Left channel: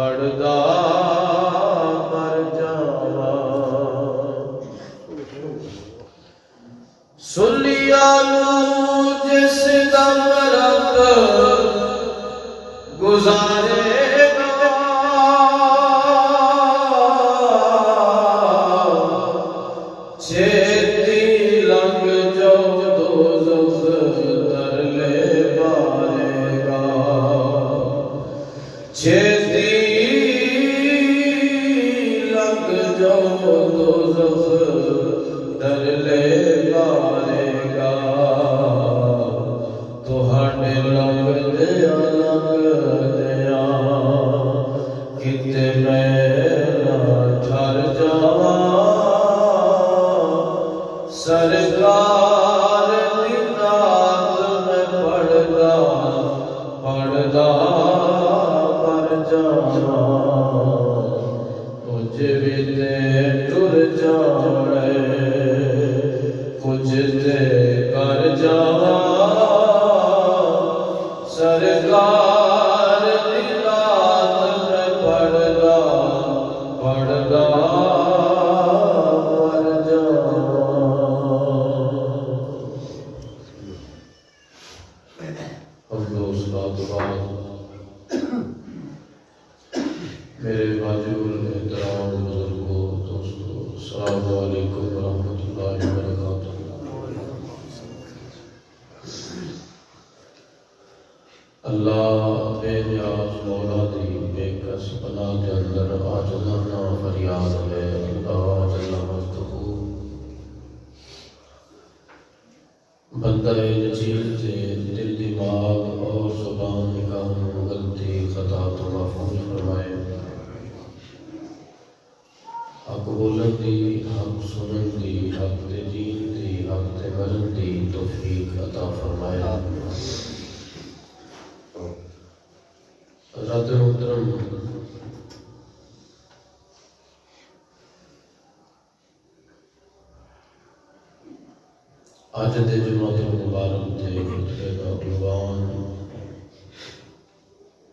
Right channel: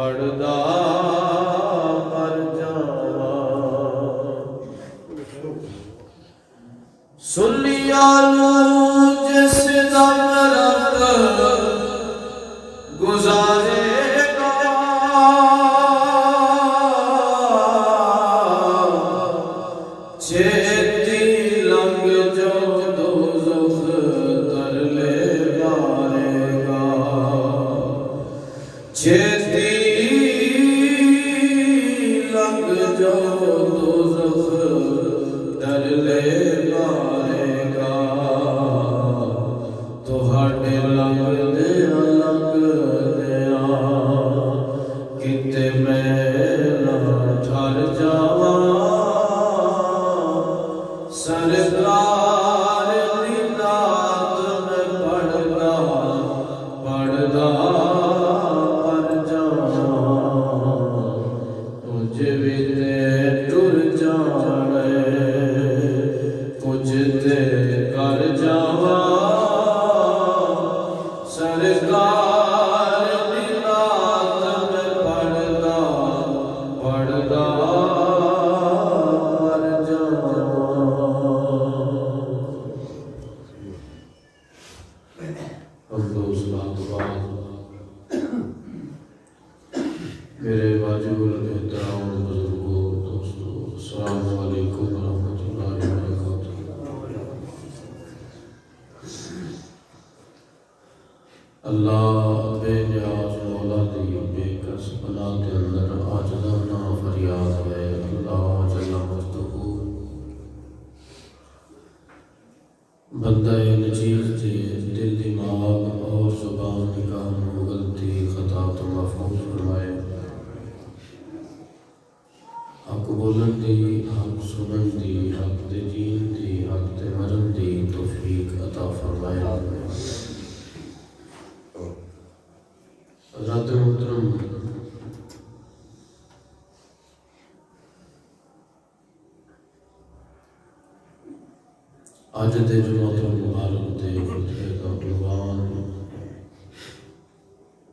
پڑھدا پر جا سرکار دلات میں پڑھدا پڑھدا میرے واجب الاحترام بزرگوں دوستوں السلام علیکم ورحمۃ اللہ وبرکاتہ۔ اللہ بے نیاز مولا دی بے کس پناہ کے اندر عاجزانہ فریاد ہے اللہ جل مجدہ بندہ نچیز سے دل دماغ اور زبان نگاہ غلطی خطا تو محفوظ فرمائے، حق بولن دی، حق سنن دی، حق دے جین دی، حق دے مرن دی توفیق عطا فرمائے۔ حضرات محترم، آج دے جمعہ مبارک دے خطبے کا عنوان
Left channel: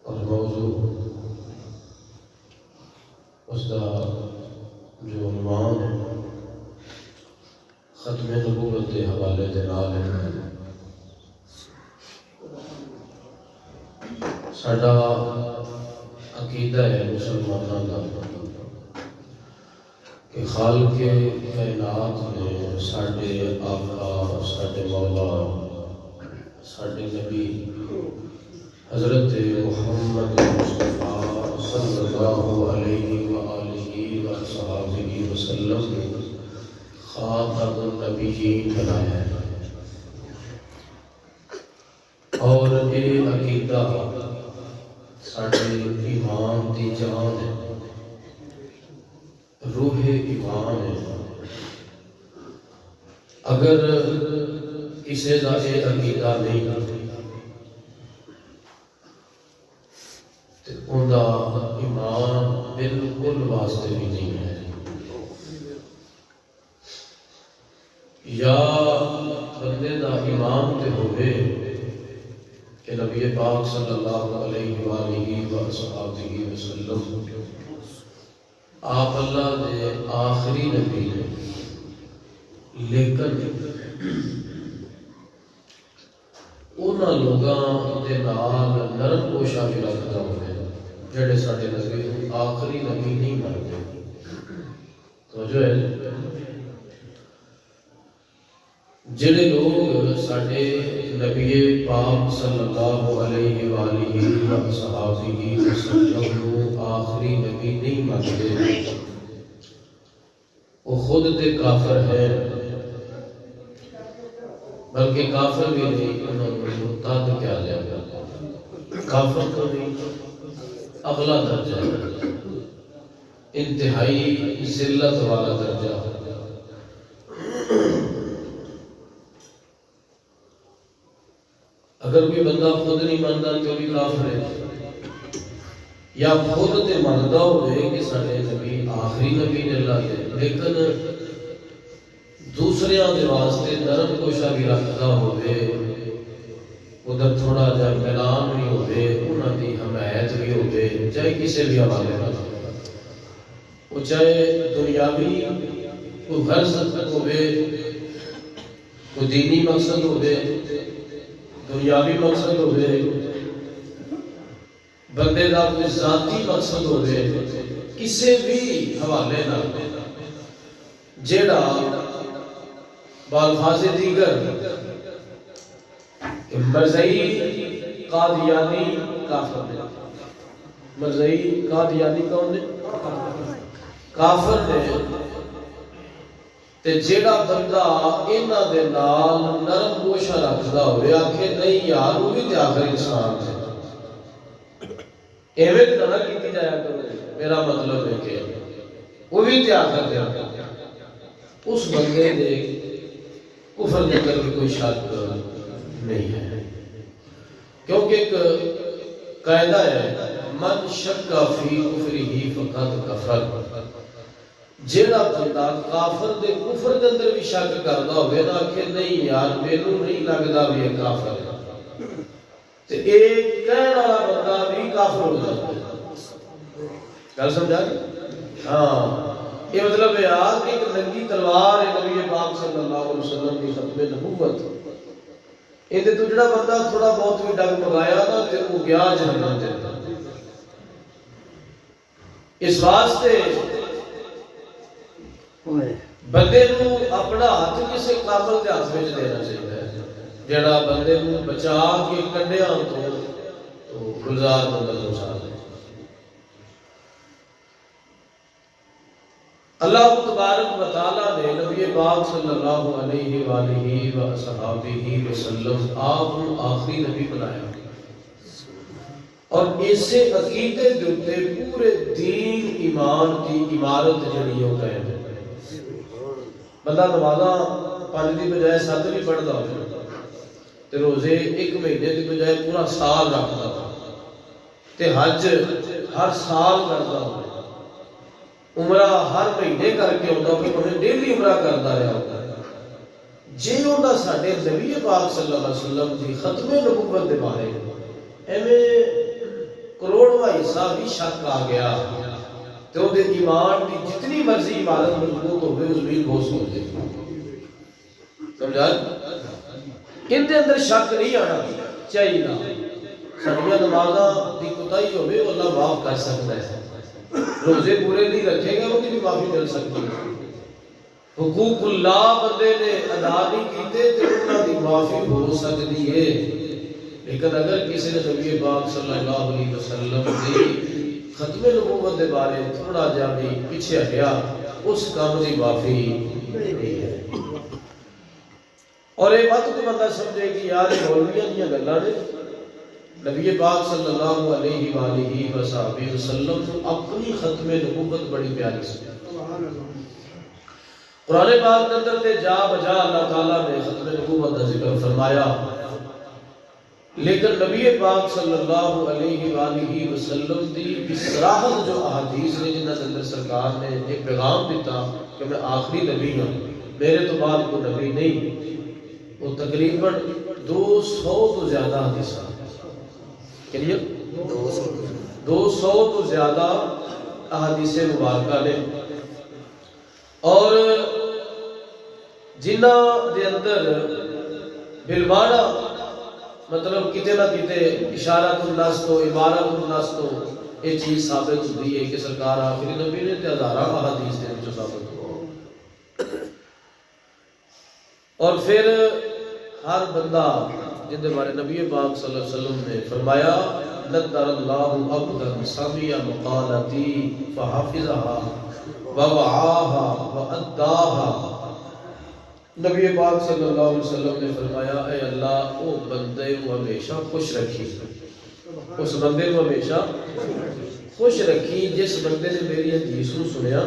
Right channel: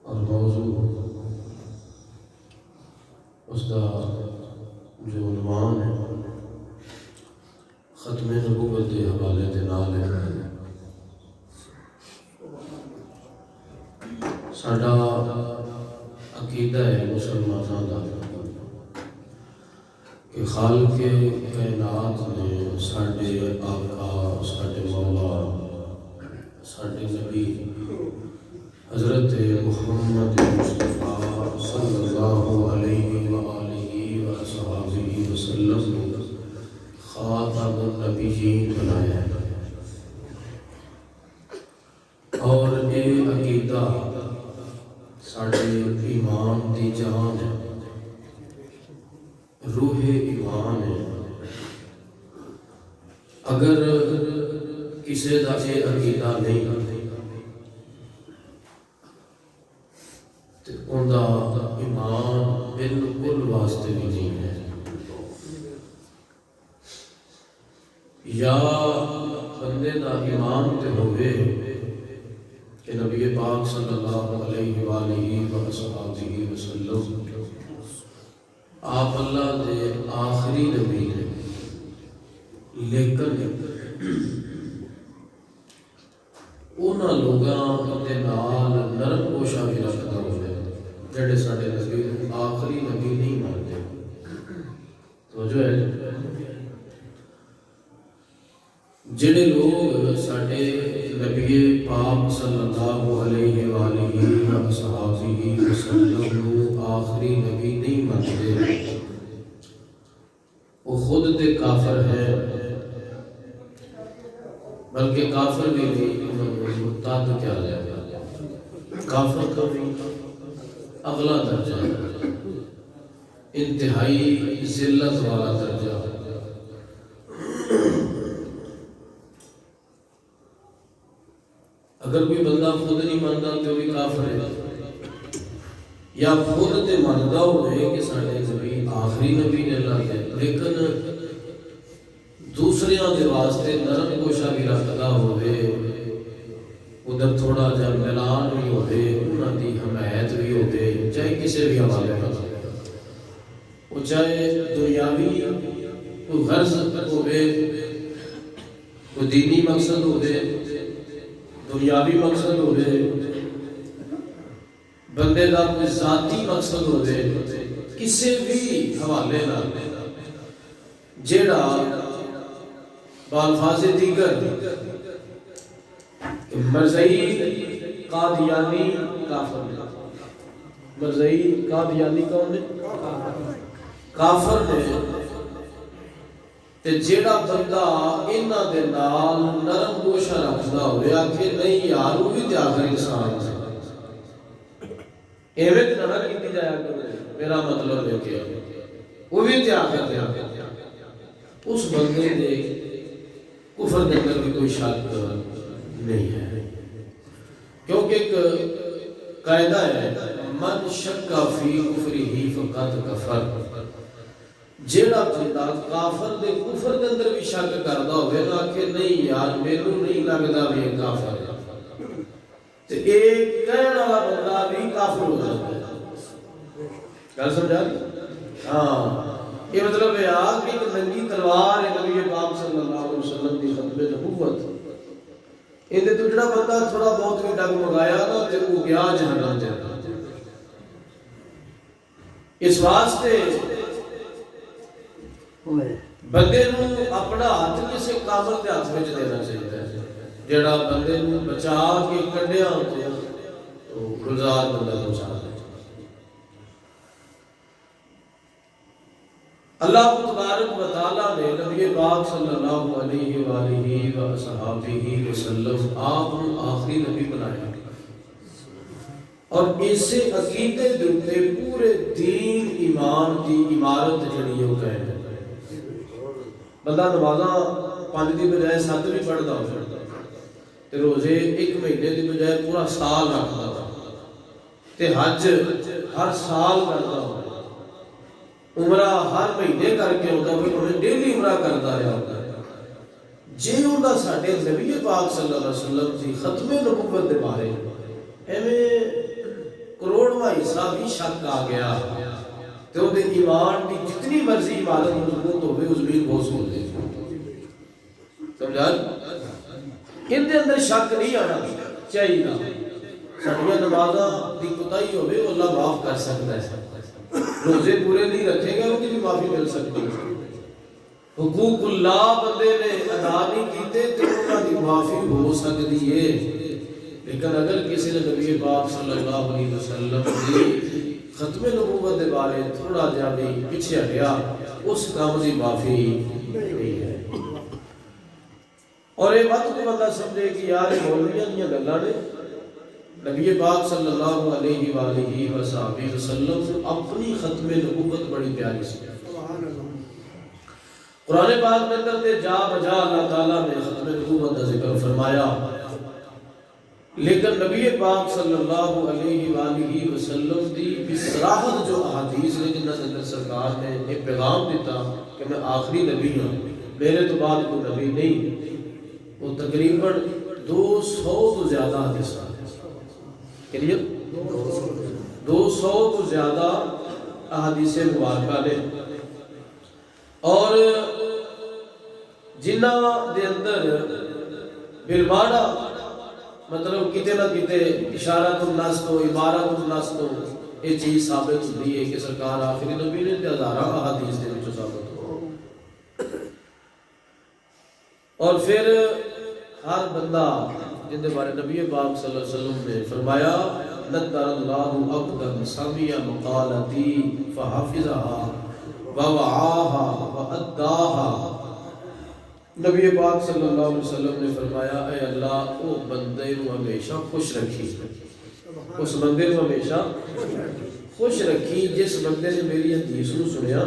اور موضوع اس کا جو عنوان ہے ختم نبوت کے حوالے دے نال ہے۔ ساڈا عقیدہ ہے مسلمانوں کا کہ خالق کائنات نے ساڈے آقا، ساڈے مولا، ساڈے نبی حضرت محمد مصطفیٰ صلی اللہ علیہ وآلہ وصحبہ وسلم خاتم النبیین بنایا ہے، اور یہ عقیدہ ساڈے ایمان دی جان ہے، روح ایمان ہے۔ اگر کسی کا یہ عقیدہ نہیں تو ان کا ایمان بالکل واسطے بھی نہیں ہے۔ یا بندے دا ایمان تے ہوئے کہ نبی پاک صلی اللہ علیہ وآلہ وصحبہ وسلم آپ اللہ دے آخری نبی ہے، لیکن انہاں لوگاں دے نال نرم گوشہ بھی رکھتا ہوئے جڑے ساڈے نبی آخری نبی نہیں مانتے۔ توجہ ہے، جڑے لوگ ساڈے نبی پاک صلی اللہ علیہ وآلہ وصحبہ وسلم آخری نبی نہیں مانتے، وہ خود تے کافر ہے، بلکہ کافر بھی نہیں، انہوں نے مرتد کیا جائے گا۔ کافر تو نہیں، اگلا درجہ ہے، انتہائی ذلت والا درجہ۔ اگر کوئی بندہ خود نہیں مانتا تو بھی کافر ہے، یا خود تے مانتا ہوئے کہ ساڈے نبی آخری نبی نے اللہ ہے، لیکن دوسریاں دے واسطے نرم گوشہ بھی رکھتا ہوئے، ادھر تھوڑا جا میلان بھی ہوئے، انہاں دی حمایت بھی ہوئے، چاہے کسی بھی حوالے نہ ہو، وہ چاہے دنیاوی کوئی غرض ہوئے، کوئی دینی مقصد ہوئے، دنیاوی مقصد ہوئے، بندے دا کوئی ذاتی مقصد ہوئے، کسی بھی حوالے نہ جیڑا بالفاظ دیگر مرزائی قادیانی کافر نے، مرزائی قادیانی کون نے؟ کافر نے۔ تے جیڑا بندہ انہاں دے نال نرم گوشہ رکھدا ہوئے آکھے نہیں یار وہ بھی تے آخری انسان ہے، ایویں تے نہ کیتی جایا کرو، میرا مطلب ہے کہ وہ بھی تے آخر ہے، اس بندے دے کفر دے کر بھی کوئی شک نہیں ہے، کیونکہ ایک قاعدہ ہے من شک فی کفرہ فقط کفر، جیڑا بندہ کافر دے کفر دے اندر بھی شک کردا ہوئے نا کہ نہیں یار مینوں نہیں لگدا بھی یہ کافر ہے، تے ایک کہنے والا بندہ بھی کافر ہو جاتا ہے. گل سمجھا گئی؟ ہاں یہ مطلب ہے کہ ایک ننگی تلوار ہے نبی پاک صلی اللہ علیہ وسلم کی ختم نبوت. یہ تو جڑا بندہ تھوڑا بہت بھی ڈگ مگایا نا تے وہ گیا جہنم دے. اس واسطے بندے نو اپنا ہاتھ کسی کامل کے ہاتھ میں دینا چاہیے جڑا بندے نو بچا کے کنڈیاں تو گلزار بندہ گزار دے. اللہ تبارک و تعالیٰ نے نبی پاک صلی اللہ علیہ وآلہ وصحبہ وسلم آپ آخری نبی بنایا اور اسے عقیدے دیتے پورے دین ایمان دی عمارت جڑی ہو گئے ہیں. بندہ نمازاں 5 دی بجائے 7 بھی پڑھتا ہو تے روزے 1 مہینے دی بجائے پورا سال رکھتا ہو تے حج ہر سال کرتا ہو عمرہ ہر مہینے کر کے ہوتا ہو کہ ڈیلی عمرہ کرتا رہا ہوتا ہے. جی انہاں ساڈے نبی پاک صلی اللہ علیہ وسلم دی ختم نبوت دے بارے ایویں کروڑواں حصہ بھی شک آ گیا تو وہ ایمان کی جتنی مرضی عبادت مضبوط ہوئے اس بھی بہت ہو گئی. سمجھا ان دے اندر شک نہیں آنا چاہیے. ساڈیاں نمازاں دی کوتاہی ہوئے اللہ معاف کر سکتا ہے. روزے پورے نہیں رکھے گا ان کی بھی معافی مل سکتی ہے. حقوق اللہ بندے نے ادا نہیں کیتے تو انہاں دی معافی ہو سکتی ہے. لیکن اگر کسی نے نبی پاک صلی اللہ علیہ وسلم کی ختم نبوت دے بارے تھوڑا جا بھی پیچھے ہٹیا اس کام دی معافی نہیں ہے. اور یہ بات کو بندہ سمجھے کہ یار یہ مولویاں دیاں گلاں نے. نبی پاک صلی اللہ علیہ وآلہ وصحبہ وسلم اپنی ختم نبوت بڑی پیاری سی. قرآن پاک کے اندر تے جا بجا اللہ تعالیٰ نے ختم نبوت کا ذکر فرمایا لیکن نبی پاک صلی اللہ علیہ وآلہ وسلم دی بصراحت جو احادیث نے جنہاں کے اندر سرکار نے ایک پیغام دیتا کہ میں آخری نبی ہوں میرے تو بعد کوئی نبی نہیں. وہ تقریباً 200 تو زیادہ حدیثاں کہنیے 200 تو زیادہ احادیث مبارکہ نے اور جنہ دے اندر بالمعنی مطلب کتے نہ کتے اشارت الناس تو عبارت الناس تو یہ چیز ثابت ہوتی ہے کہ سرکار آخری نبی نے تے ہزاراں احادیث دے وچوں ثابت ہو. اور پھر ہر بندہ جن دے بارے نبی پاک صلی اللہ علیہ وسلم نے فرمایا نذر اللہ عبدا سمع مقالتی فحفظها ووعاها واداها. نبی پاک صلی اللہ علیہ وسلم نے فرمایا اے اللہ او بندے کو ہمیشہ خوش رکھی اس بندے کو ہمیشہ خوش رکھی جس بندے نے میری حدیث کو سنیا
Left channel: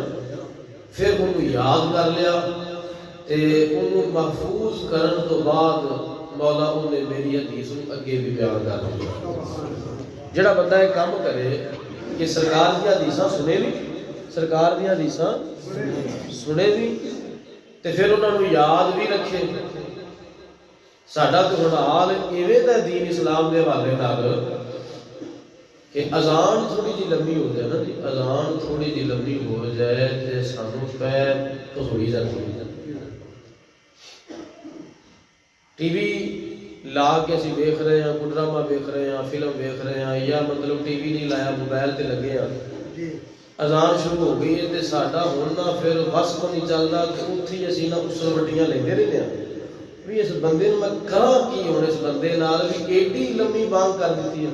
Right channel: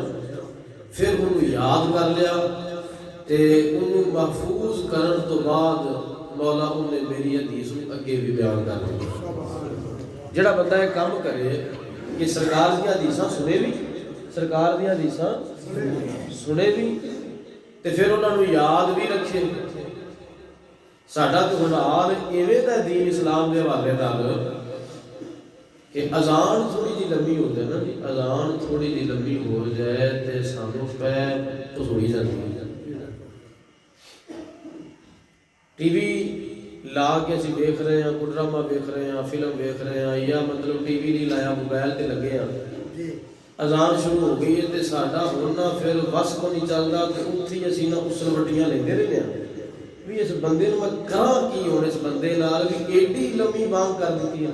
پھر انہوں یاد کر لیا تے انہوں محفوظ کرن تو بعد مولا انہیں میری حدیث کو اگے بھی بیان کر لیا. جڑا بندہ ایک کام کرے کہ سرکار دی حدیثاں سنے بھی سرکار دی حدیثاں سنے بھی تے پھر انہوں نے یاد بھی رکھے. ساڈا تو ہن حال ایویں دا دین اسلام دے حوالے نال کہ اذان تھوڑی جی لمبی ہو جائے نا جی اذان تھوڑی جی لمبی ہو جائے تے سانوں پیر کھسوئی جاتی ہے. ٹی وی لا کے اسی دیکھ رہے ہیں کوئی ڈرامہ دیکھ رہے ہیں فلم دیکھ رہے ہیں یا مطلب ٹی وی نہیں لایا موبائل تے لگے ہیں اذان شروع ہو گئی ہے تے ساڈا ہن نہ پھر وس کو نہیں چلدا تے اوتھے ہی اسی نہ اسل وٹیاں لیندے رہنے ہیں بھی اس بندے نوں میں کراں کی ہن اس بندے نال بھی ایڈی لمبی بانگ کر دتی ہے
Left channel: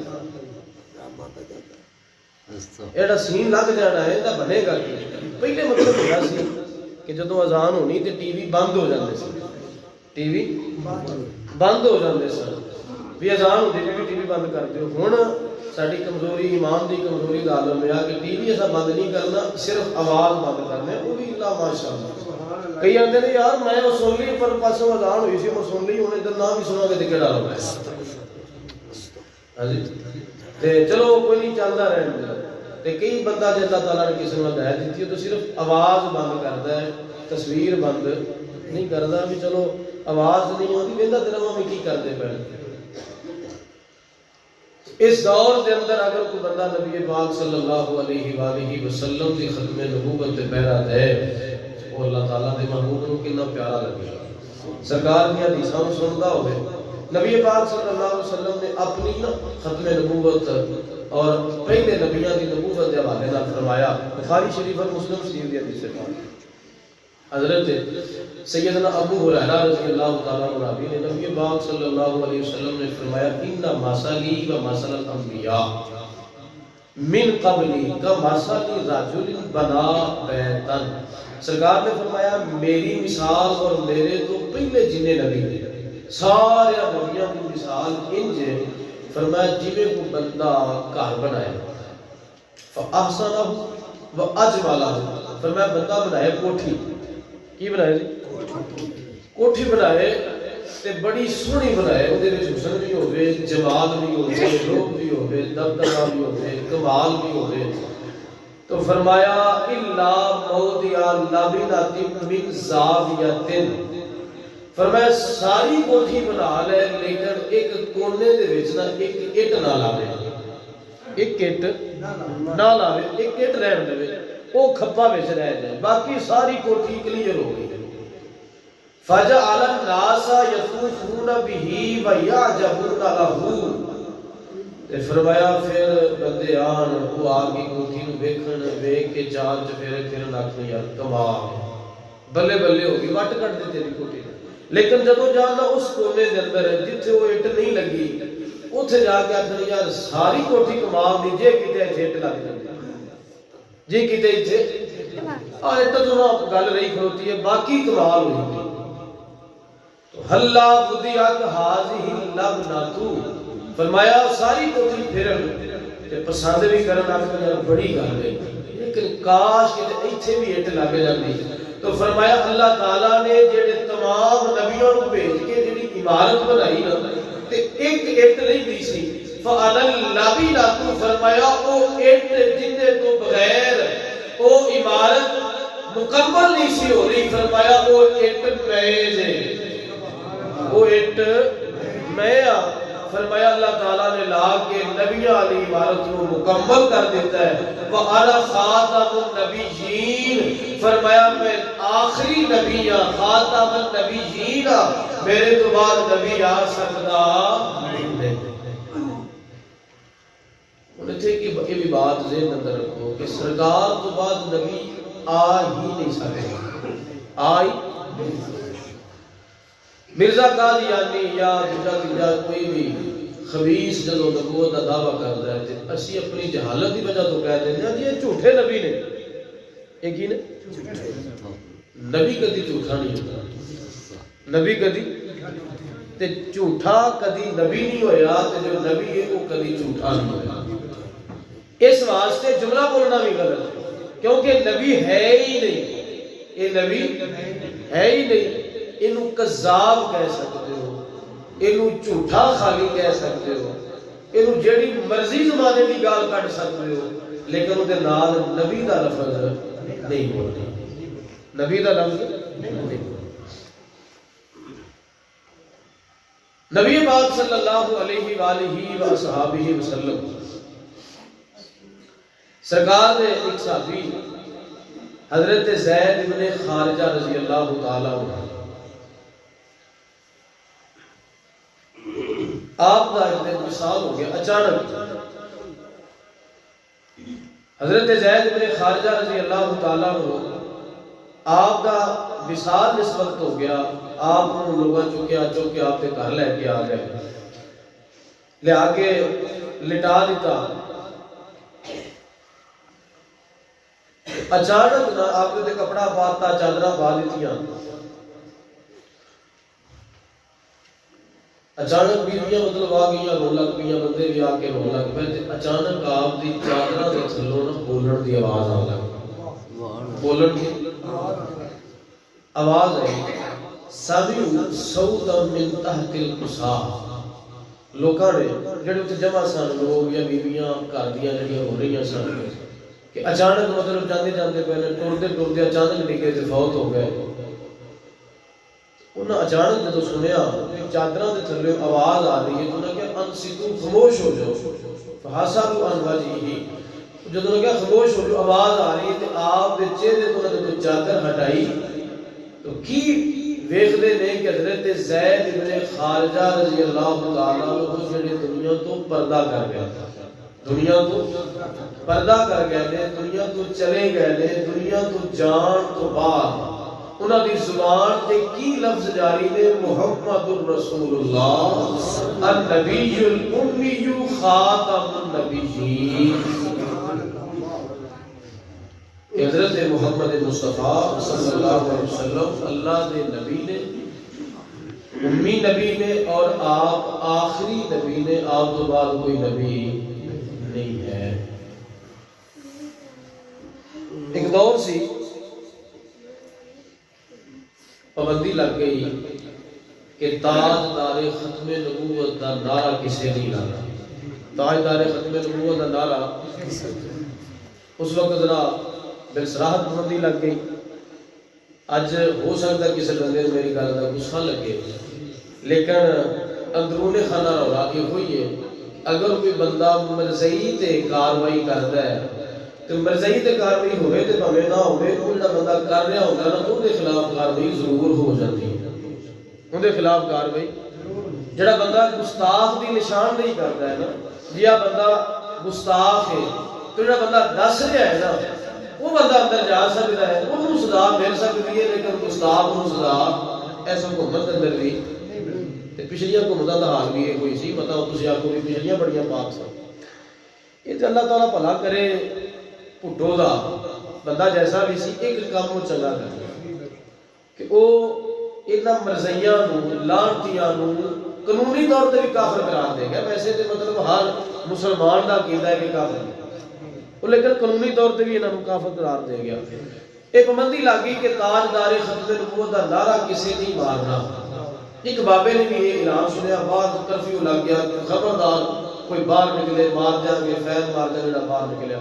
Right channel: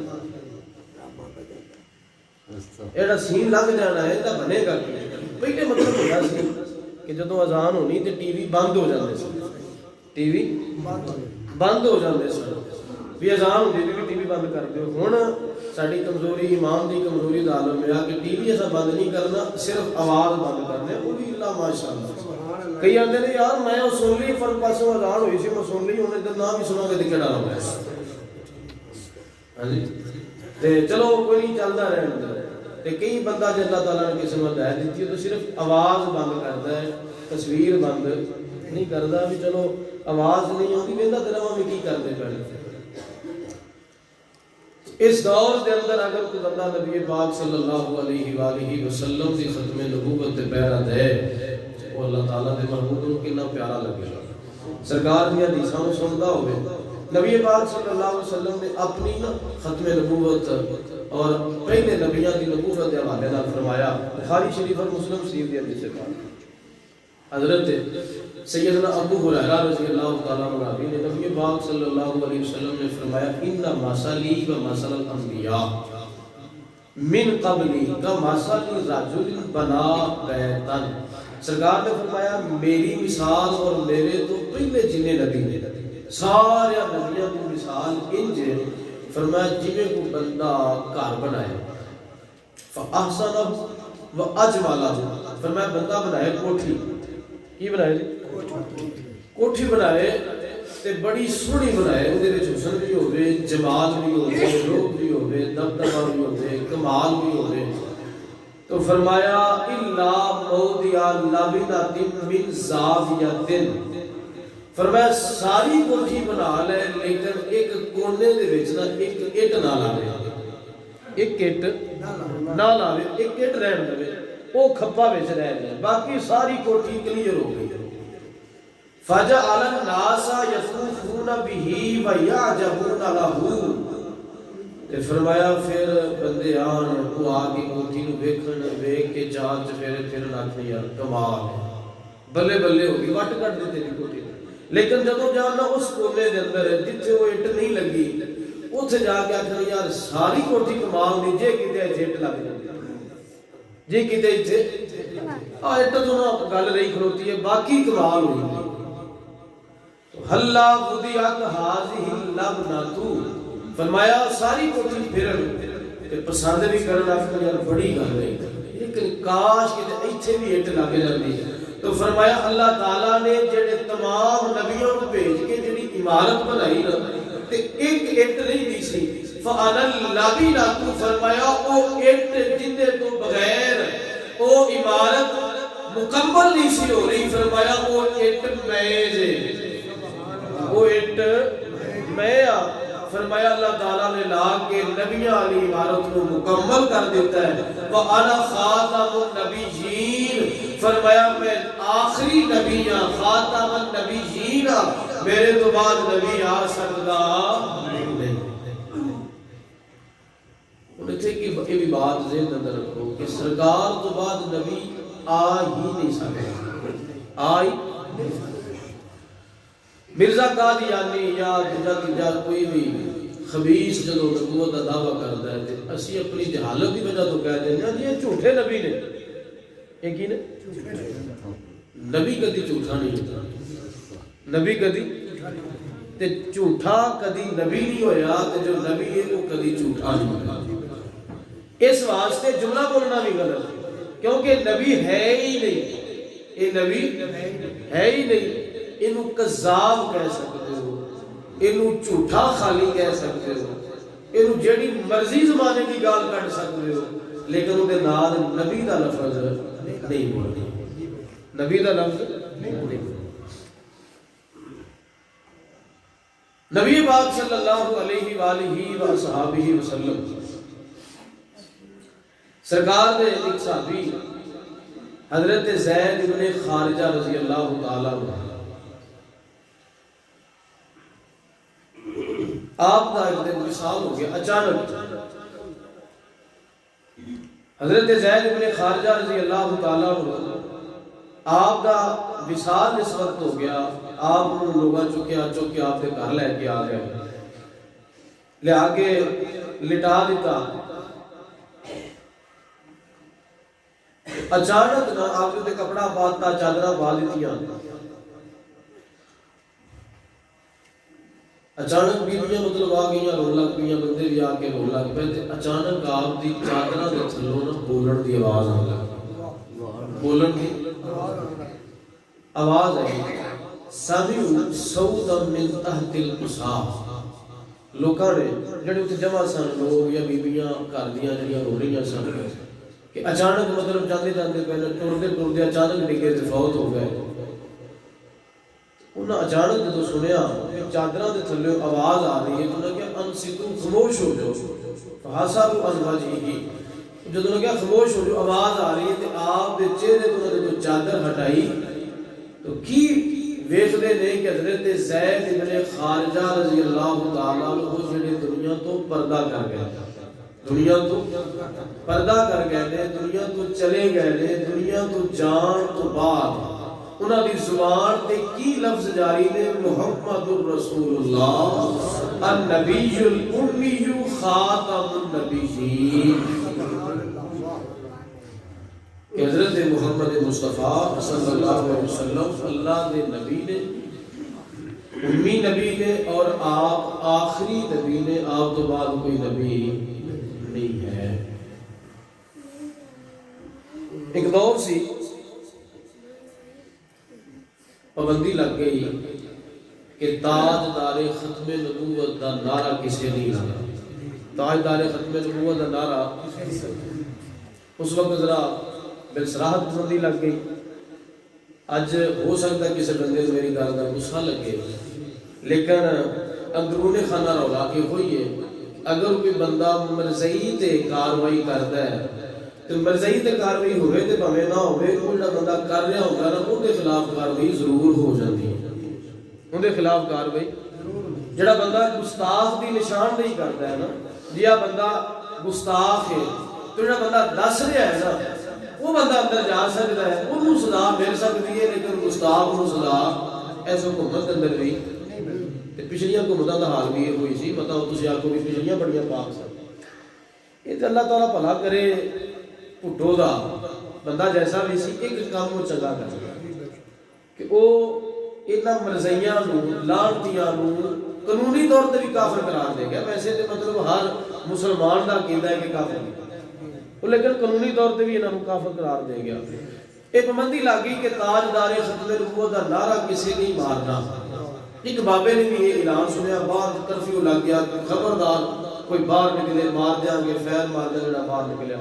ایڈا سین لگ جانا ہے ایڈا بنے گا کی. پہلے مطلب ہوتا سی کہ جدوں اذان ہونی تے ٹی وی بند ہو جاندے سی ٹی وی بند ہو جاندے سن بھی اذان ہوندی بھی ٹی وی بند کر دیو. ہن ساری کمزوری ایمان دی کمزوری دا عالم ہے کہ ٹی وی ایسا بند نہیں کرنا صرف آواز بند کرنے وہ بھی اللہ ماشاءاللہ. کئی آندے نے یار میں وہ سن لی پر پاسوں اذان ہوئی سی میں سن لی ہن ادھر نہ بھی سنا گے تے کیڑا رولا ہے. ہاں جی تے چلو کوئی نہیں چلدا رہن دے. تے کئی بندہ جے اللہ تعالیٰ نے کسی نوں ہدایت دتی ہے تو صرف آواز بند کردا ہے تصویر بند نہیں کردا بھی چلو آواز نہیں آتی وہدا تیرا میں کی کرتے پے. اس دور دے اندر اگر کوئی بندہ نبی پاک صلی اللہ علیہ وآلہ وسلم دی ختم نبوت تے پیرا دے وہ اللہ تعالیٰ دے محبوب نو کتنا پیارا لگے گا۔ سرکار دی حدیثاں نو سندا ہوئے، نبی پاک صلی اللہ علیہ وسلم نے اپنی ختم نبوت اور پہلے نبیاں دی نبوت دے حوالے نال فرمایا، بخاری شریف اور مسلم شریف دی حدیث پاک حضرت سیدنا ابو ہریرہ رضی اللہ تعالیٰ عنہ راوی نے نبی پاک صلی اللہ علیہ وسلم نے فرمایا ان مثلی و مثل الانبیاء من قبلی کا مثل رجل بنا بیتا، سرکار نے فرمایا میری مثال اور میرے تو پہلے جنہیں نبی نے سارے نبیوں کی مثال انج ہے، فرمایا جویں کوئی بندہ گھر بنائے فاحسنہ و اجملہ، فرمایا بندہ بنائے کوٹھی، کی بنائے جی کوٹھی بنائے تے بڑی سونی بنائے، اودے وچ حسن بھی ہوے، جمال بھی ہوے، روپ بھی ہوے، دبدبہ بھی ہوے، کمال بھی ہوے، تو فرمایا الا موضع لبنۃ من زاویۃ، فرمایا ساری کوٹھی بنا لے لیکن ایک کونے دے وچ نہ ایک اٹ نہ لاوے، ایک اٹ نہ لاوے، ایک اٹ رہن دے وہ کھپا وچ رہ جائے، باقی ساری کوٹھی کلیئر ہو گئی۔ فجعل الناس یطوفون به ویعجبون له، تے فرمایا پھر بندے آن وہ آگے کوٹھی نو ویکھن، ویکھ کے چار چفیرے پھرن، آکھن یار کمال ہے، بلے بلے ہو گئی، وٹ کٹ دے تیری کوٹھی نے، لیکن جدوں جانا اس کونے دے اندر جتھے وہ اٹ نہیں لگی اتھے جا کے آکھن یار ساری کوٹھی کمال دی، جے کتے اٹ لگ جاندی جی کتے اتھے اٹ تو نہ گل رہی کھلوتی ہے، باقی کمال ہوئی گئی۔ حلا وضعت هذه اللبنۃ، فرمایا ساری کوٹھی پھرن تے پسند بھی کرن، آکھن یار بڑی گل ہے لیکن کاش کہ ایتھے بھی اٹ لگ جاندی، تو فرمایا اللہ تعالیٰ نے جڑے تمام نبیوں کو بھیج کے جڑی عمارت بنائی نا تے ایک اٹ نہیں دی سی، فَأَنَا اللَّبِنَةُ، فرمایا او اٹ جندے تو بغیر او عمارت مکمل نہیں سی ہو رہی، فرمایا او اٹ میز ہے، وہ اٹ میں فرمایا اللہ تعالیٰ نے لا کے نبیاں علی عمارت کو مکمل کر دیتا ہے، وَأَنَا خَاتَمُ النَّبِيِّينَ، فرمایا میں آخری نبی ہاں، خاتم النبیین، میرے تو بعد نبی آ سکتا نہیں۔ انہیں تھے کہ یہ بھی بات ذہن اندر رکھو کہ سرکار تو بعد نبی آ ہی نہیں سکتے، آئی مرزا قادیانی یا دوجا کوئی بھی خبیث جدو نبوت کا دعویٰ کرتا ہے تو اسی اپنی جہالت کی وجہ تو کہہ دیتے ہیں یہ جھوٹے نبی نے، ایک ہی نے نبی کدی جھوٹا نہیں ہوتا، نبی کدی تے جھوٹا کدی نبی نہیں ہویا، تے جو نبی ہے وہ کدی جھوٹا نہیں ہویا۔ اس واسطے جملہ بولنا بھی غلط ہے کیونکہ نبی ہے ہی نہیں، یہ نبی ہے ہی نہیں، انہوں کذاب کہہ سکتے ہو، انہوں جھوٹا خالی کہہ سکتے ہو، انہوں جڑی مرضی زمانے کی گال کٹ سکتے ہو، لیکن وہ نال نبی دا لفظ نہیں بولنا، نبی دا لفظ نہیں بولنا۔ نبی پاک صلی اللہ علیہ وآلہ وصحابہ وسلم سرکار نے ایک صحابی حضرت زید بن خارجہ رضی اللہ تعالیٰ عنہ، آپ کا ایک دن وصال ہو گیا اچانک، حضرت زید بن خارجہ رضی اللہ تعالیٰ عنہ آپ کا وصال اس وقت ہو گیا، آپ نے لوگاں چک کے آپ کے گھر لے کے آ گئے، لے آگے لٹا دیتا، اچانک نہ آپ کے کپڑا پاتا، چادرہ پا دیتیاں، اچانک بیویاں مطلب آ گئیاں رون لگ پئیاں، بندے بھی آ کے رون لگ پئے تے اچانک آپ دی چادرہ دے تھلوں نہ بولن دی آواز آن لگ، بولن دی آواز آئی، سمعوا صوتا من تحت القصاء، لوکاں نے جڑے اتنے جمع سن لوگ یا بیویاں گھر دیاں جڑیاں ہو رہی سن کہ اچانک مطلب جاندے جاندے پہلے ٹردے ٹردے اچانک ڈگے تے فوت ہو گئے، انہاں اچانک جدو سنیا چادراں دے تھلے آواز آ رہی ہے تو انہاں کہا انصتو، خاموش ہو جاؤ، حسب عن وجهه جدوں نے کہا خاموش ہو جو آواز آ رہی ہے تے آپ دے چہرے تو جدوں چادر ہٹائی تو کی ویکھدے نے کہ حضرت زید ابن خارجہ رضی اللہ تعالیٰ عنہ جڑے دنیا تو پردہ کر گئے، دنیا تو پردہ کر گئے نے، دنیا تو چلے گئے نے، دنیا تو جان تو بعد انہاں دی زبان تے کی لفظ جاری نے محمد الرسول اللہ النبی الامی خاتم النبیین کہ حضرت محمد مصطفیٰ صلی اللہ علیہ وسلم اللہ دے نبی نے، امی نبی نے، اور آپ آخری نبی نے، آپ تو بعد کوئی نبی نہیں ہے۔ ایک دور سی پابندی لگ گئی کہ تاجدار ختم نبوت دا نعرہ کسے نہیں لانا، تاجدار ختم نبوت دا نعرہ اس وقت ذرا بلسراحت پابندی لگ گئی۔ اج ہو سکتا کسی بندے نے میری گل کا غصہ لگے، لیکن اندرون خانہ رولا یہ ہوئی ہے اگر کوئی بندہ مرضی تے کاروائی کرتا ہے تو مرضی تے کاروائی ہوئے تے بھاویں نہ ہوئے، وہ جڑا بندہ کر رہا ہوتا ہے نا ان کے خلاف کاروائی ضرور ہو جاتی ہے، ان کے خلاف کاروائی۔ جڑا بندہ گستاخ دی نشاندہی کرتا ہے نا، جیا بندہ گستاخ ہے تو جڑا بندہ دس رہا ہے نا وہ بندہ اندر جا سکتا ہے، انہوں سزا مل سکتی ہے، لیکن گستاخ انہوں سزا ایسا حکومت اندر بھی تے پچھلیاں حکومتاں دا حال بھی یہ ہوئی سی، مطلب تسی آکھو بھی پچھلیاں بڑیاں پاک سن۔ یہ تے اللہ تعالیٰ بھلا کرے پٹھو دا بندہ جیسا بھی سی ایک کام وہ چنگا کر گیا کہ وہ انہاں مرزیاں نو لعنتیاں نو قانونی طور تے بھی کافر قرار دے گیا۔ ویسے تے مطلب ہر مسلمان دا عقیدہ ہے کہ کافر ہے، لیکن قانونی طور تے بھی انہاں نو کافر قرار دے گیا۔ ایک پابندی لگ گئی کہ تاجدار ختم نبوت دا نعرہ کسی نہیں مارنا۔ ایک بابے نے بھی یہ اعلان سنیا، باہر کرفیو لگ گیا، خبردار کوئی باہر نکلے مار دیاں گے، فیر مار دیں جڑا باہر نکلیا۔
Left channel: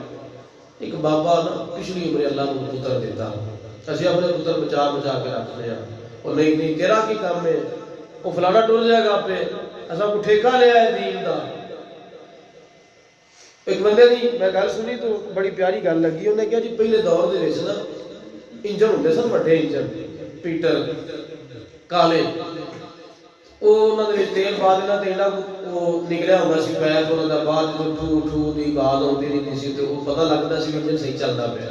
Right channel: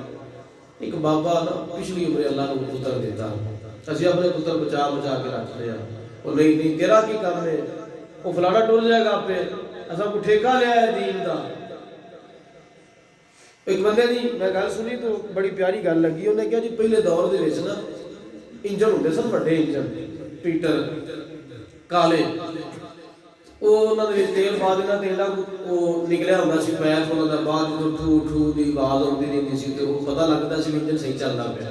ایک بابا نا پچھلی عمر اللہ نے پتر دیتا، اسی اپنے پتر بچا بچا کے رکھتے ہیں، وہ نہیں تیرا کی کام ہے، وہ فلانا ٹر جائے گا پہ ایسا کو ٹھیکہ لیا ہے دین دا۔ ایک بندے نے میں گل سنی تو بڑی پیاری گل لگی، انہیں کہا جی پہلے دور دے وچ نا انجن ہوندے سن، بڑے انجن پیٹر کالے، وہ انہاں دے وچ تیل پا دینا تے انہاں کو نکلیا ہوندا سی پیر انہاں دا، بعد جدوں ٹھو ٹھو دی آواز ہوندی رہندی سی تے وہ پتہ لگدا سی انجن صحیح چلدا پیا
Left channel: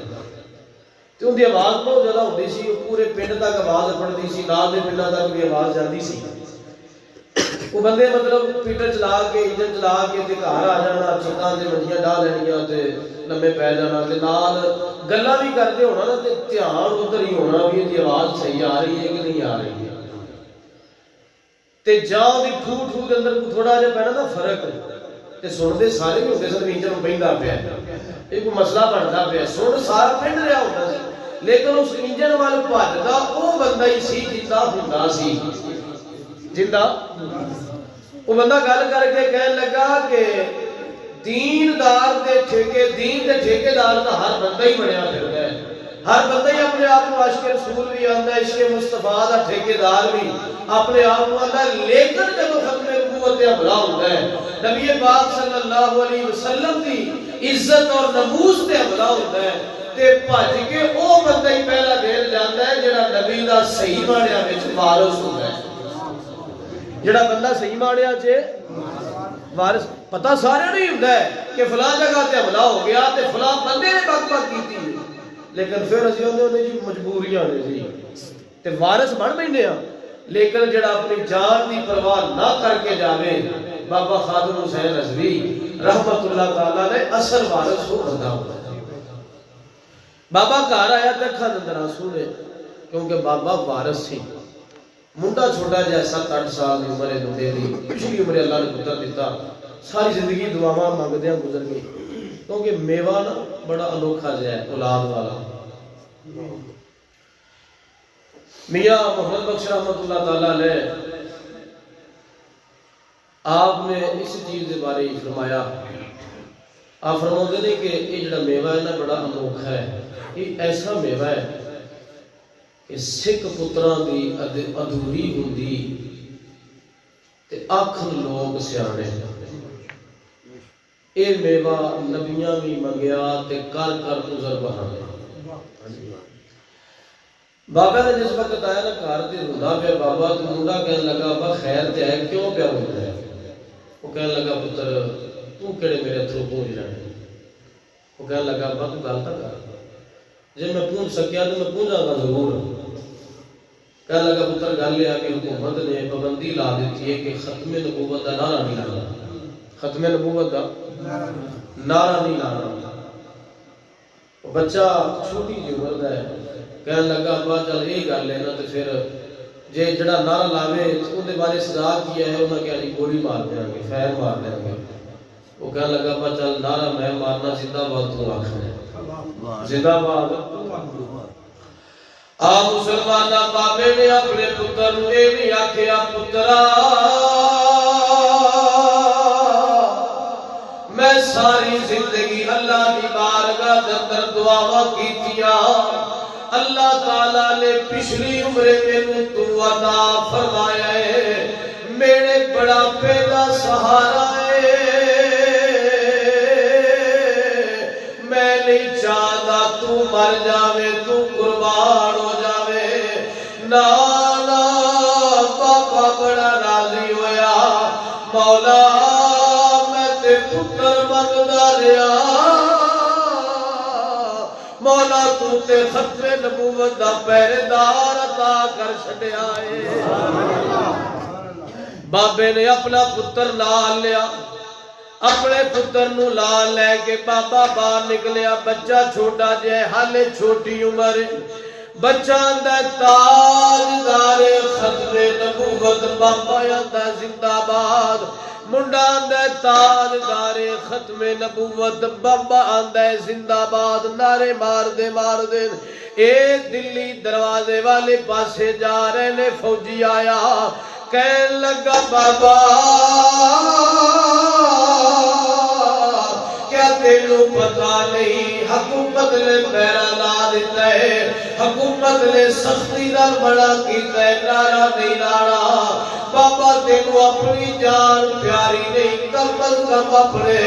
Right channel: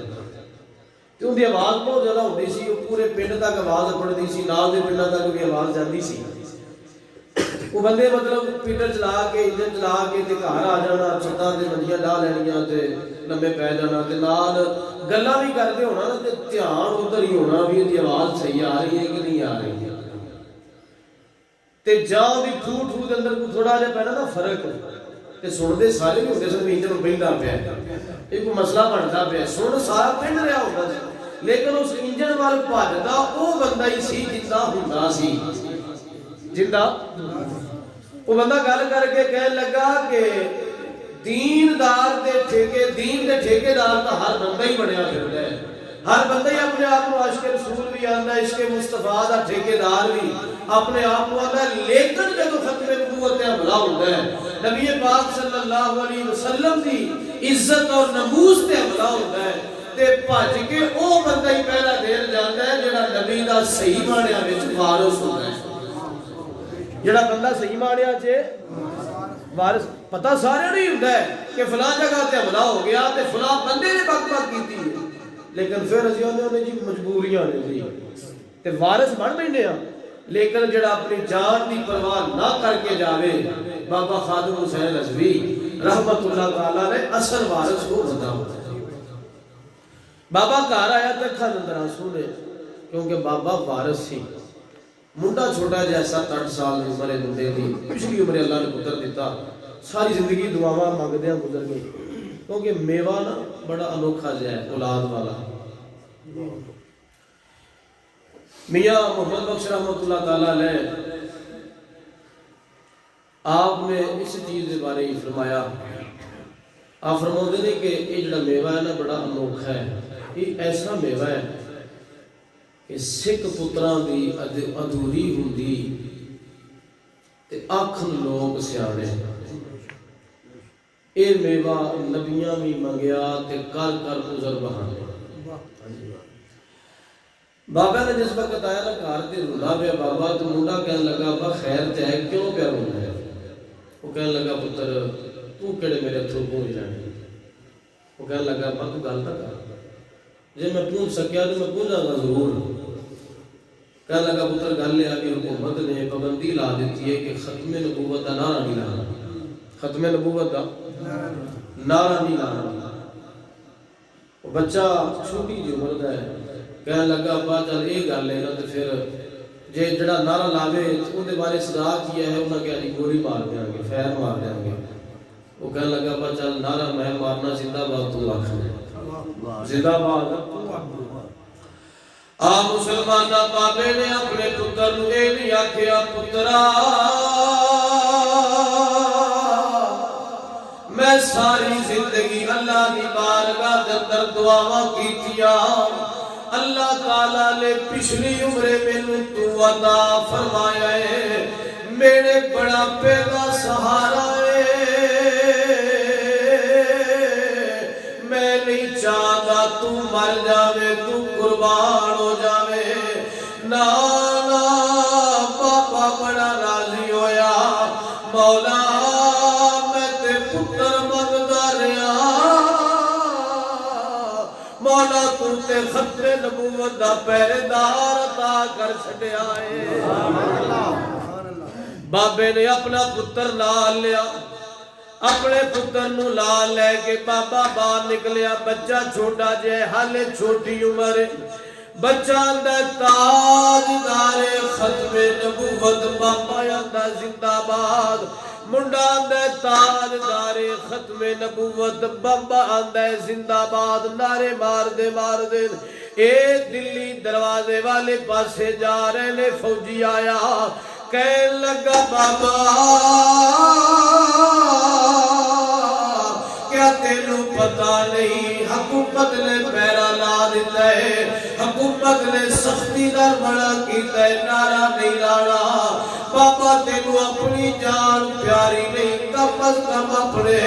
تے ان دی آواز بہت زیادہ ہوندی سی، وہ پورے پنڈ تک آواز پڑدی سی، نال دے پنڈاں تک بھی آواز جاندی سی۔ وہ بندے مطلب پیٹر چلا کے انجن چلا کے تے گھر آ جانا، چھتاں تے منجیاں ڈا لینیاں تے لمبے پے جانا تے نال گلاں بھی کردے ہونا نا تے دھیان ادھر ہی ہونا بھی دی آواز صحیح آ رہی ہے کہ نہیں آ رہی ہے تے جان دی ٹھو ٹھو دے اندر تھوڑا جہا پینا نا فرق تے سنتے سارے ہی ہوندے سن انجن بہندا پیا، یہ کوئی مسئلہ بنتا پیا، سن سارا پنڈ رہا ہوندا سی، لیکن اس انجن وال بھجدا وہ بندہ ہی سی جندا ہوندا سی، جندا وہ بندہ گل کر کے کہنے لگا کہ دیندار دے ٹھیکے، دین دے ٹھیکے دار تو ہر بندہ ہی بنیا پھردا ہے، ہر بندہ ہی اپنے آپ کو عاشق رسول بھی آندا ہے، عشق مصطفیٰ دا ٹھیکے دار بھی اپنے آپ کو آندا ہے، لیکن جب ختم نبوت تے حملہ ہوندا ہے، نبی پاک صلی اللہ علیہ وسلم دی عزت اور نموز تے حملہ ہوندا ہے تے بھج کے او بندہ ہی پہلا دیر جاندا ہے جڑا نبی دا صحیح معنیٰ وچ وارث ہوندا ہے، جڑا بندہ صحیح معنیٰ وچ وارث پتہ سارے نہیں ہوندا ہے کہ فلاں جگہ تے حملہ ہو گیا تے فلاں بندے نے بک بک کیتی ہے، لیکن پھر اسی نے جی مجبوریاں نے جی تے وارث بن بیٹھے ہاں، لیکن جڑا اپنی جان دی پرواہ نہ کر کے جاوے، بابا خادم حسین رضوی رحمت اللہ تعالیٰ نے اصل وارث کو بندہ ہوتا ہے۔ بابا گھر آیا تے اکھاں دے اندر آنسو نے، کیونکہ بابا وارث سی، منڈا چھوٹا جہا 7-8 سال دی عمر منڈے دی، پچھلی عمر اللہ نے پتر دیتا، ساری زندگی دعاواں مانگدیاں گزر گئی، کیونکہ میوہ نا بڑا انوکھا جہا ہے اولاد والا۔ میاں محمد بخش رحمت اللہ تعالیٰ علیہ آپ نے اس چیز کے بارے ہی فرمایا، آپ فرماتے ہیں کہ یہ جڑا میوہ ہے نا بڑا انوکھا ہے، یہ ایسا میوہ ہے کہ سکھ پتراں دی ادھوری ہوندی تے آکھن لوگ سیانے، اے میوہ نبیاں بھی منگیا تے کر کر عذر بہانے بابا نے جس وقت آیا نا گھر تے روندا پیا بابا تے منڈا کہنے لگا با خیر تے ہے کیوں پیا روندا ہے وہ کہنے لگا پتر تو کیڑے میرے اتھرو پونج لینے وہ کہنے لگا با تو گل تک کر جے میں پونج سکیا تو میں پونجا گا ضرور کہنے لگا پتر گل یہ بھی حکومت نے پابندی لا دیتی ہے کہ ختم نبوت کا نعرہ نہیں لانا ختم نبوت کا نعرہ نہیں لانا بچہ چھوٹی جی عمر دا ہے کہنے لگا ابا چل یہ گل ہے نا تو پھر جے جڑا نعرہ لاوے اون دے بارے سزا کیا ہے انہاں کہا جی گولی مار دیاں گے فیر مار دیاں گے وہ کہنے لگا ابا چل نعرہ میں مارنا زندہ باد تو آکھنا زندہ باد آ مسلمانہ بابے نے اپنے پتر نو اے نہیں آکھیا پترا میں ساری زندگی اللہ دی بارگاہ دے اندر دعاواں کیتیاں اللہ تعالیٰ نے پچھلی عمرے میں تو عطا فرمایا ہے میرے بڑا پیدا سہارا ہے میں نہیں چاہتا تو مر جاوے تو قربان ہو جاوے نانا بابا بڑا راضی ہویا مولا میں تے پتر منگدا رہیا مولا تو تے ختم نبوت دا پہرےدار عطا کر چھڈیا اے بابے نے اپنا پتر نال لیا اپنے پتر نو لال لے کے بابا باہر نکلیا بچہ چھوٹا جے حالے چھوٹی عمر بچہ اندر تاجدار ختم نبوت بابا اندر زندہ باد منڈا اندر تاجدار ختم نبوت بابا اندر زندہ باد نعرے مار دے اے دلی دروازے والے پاسے جا رہے نے فوجی آیا کہنے لگا بابا کیا تینو پتا نہیں حکومت نے پیرا لا دیتا ہے حکومت نے سختی دا بڑا کیتا ہے نعرہ نہیں لانا بابا تینو اپنی جان پیاری نہیں کم از کم اپنے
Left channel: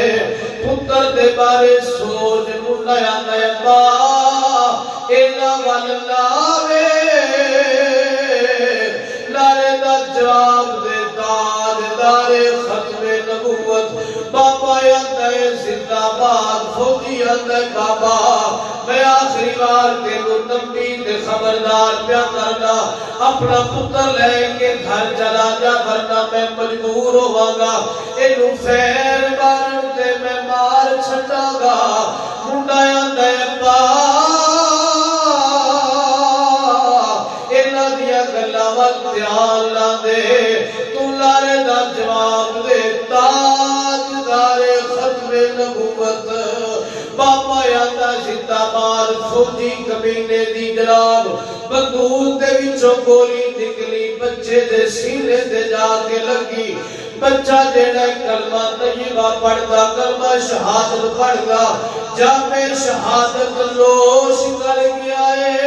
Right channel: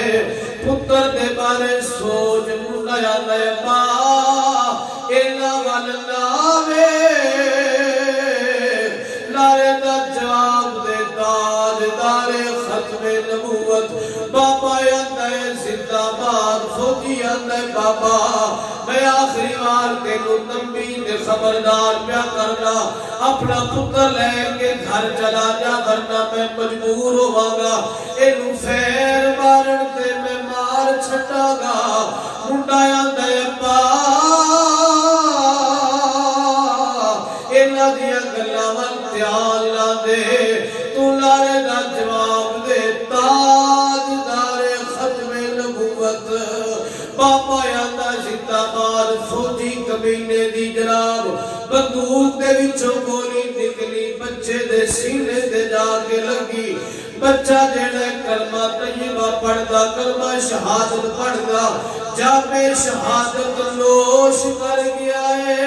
پتر دے بارے سوچ منڈا آندا ہے با اینا وال ناوے نعرے دا جواب دے تاجدار ختم نبوت بابا آندا ہے زندہ باد فوجی آندا ہے بابا میں آخری بار تینو تنبیہ تے خبردار پیا کرنا اپنا پتر لے کے گھر چلا جا ورنہ میں مجبور ہوواں گا اینو فیر مارن تے میں مار چھڈاں گا منڈا آندا ہے ابا انہاں دیاں گلاں ول دھیان لا دے تو لارے دا جواب دے تاجدار ختم نبوت بابا آندا زندہ باد فوجی کمینے دی جناب بندوق دے وچوں گولی نکلی بچے دے سینے تے جا کے لگی بچہ جڑا کلمہ طیبہ پڑھدا کلمہ شہادت پڑھدا جامع شہادت نوش کر گیا ہے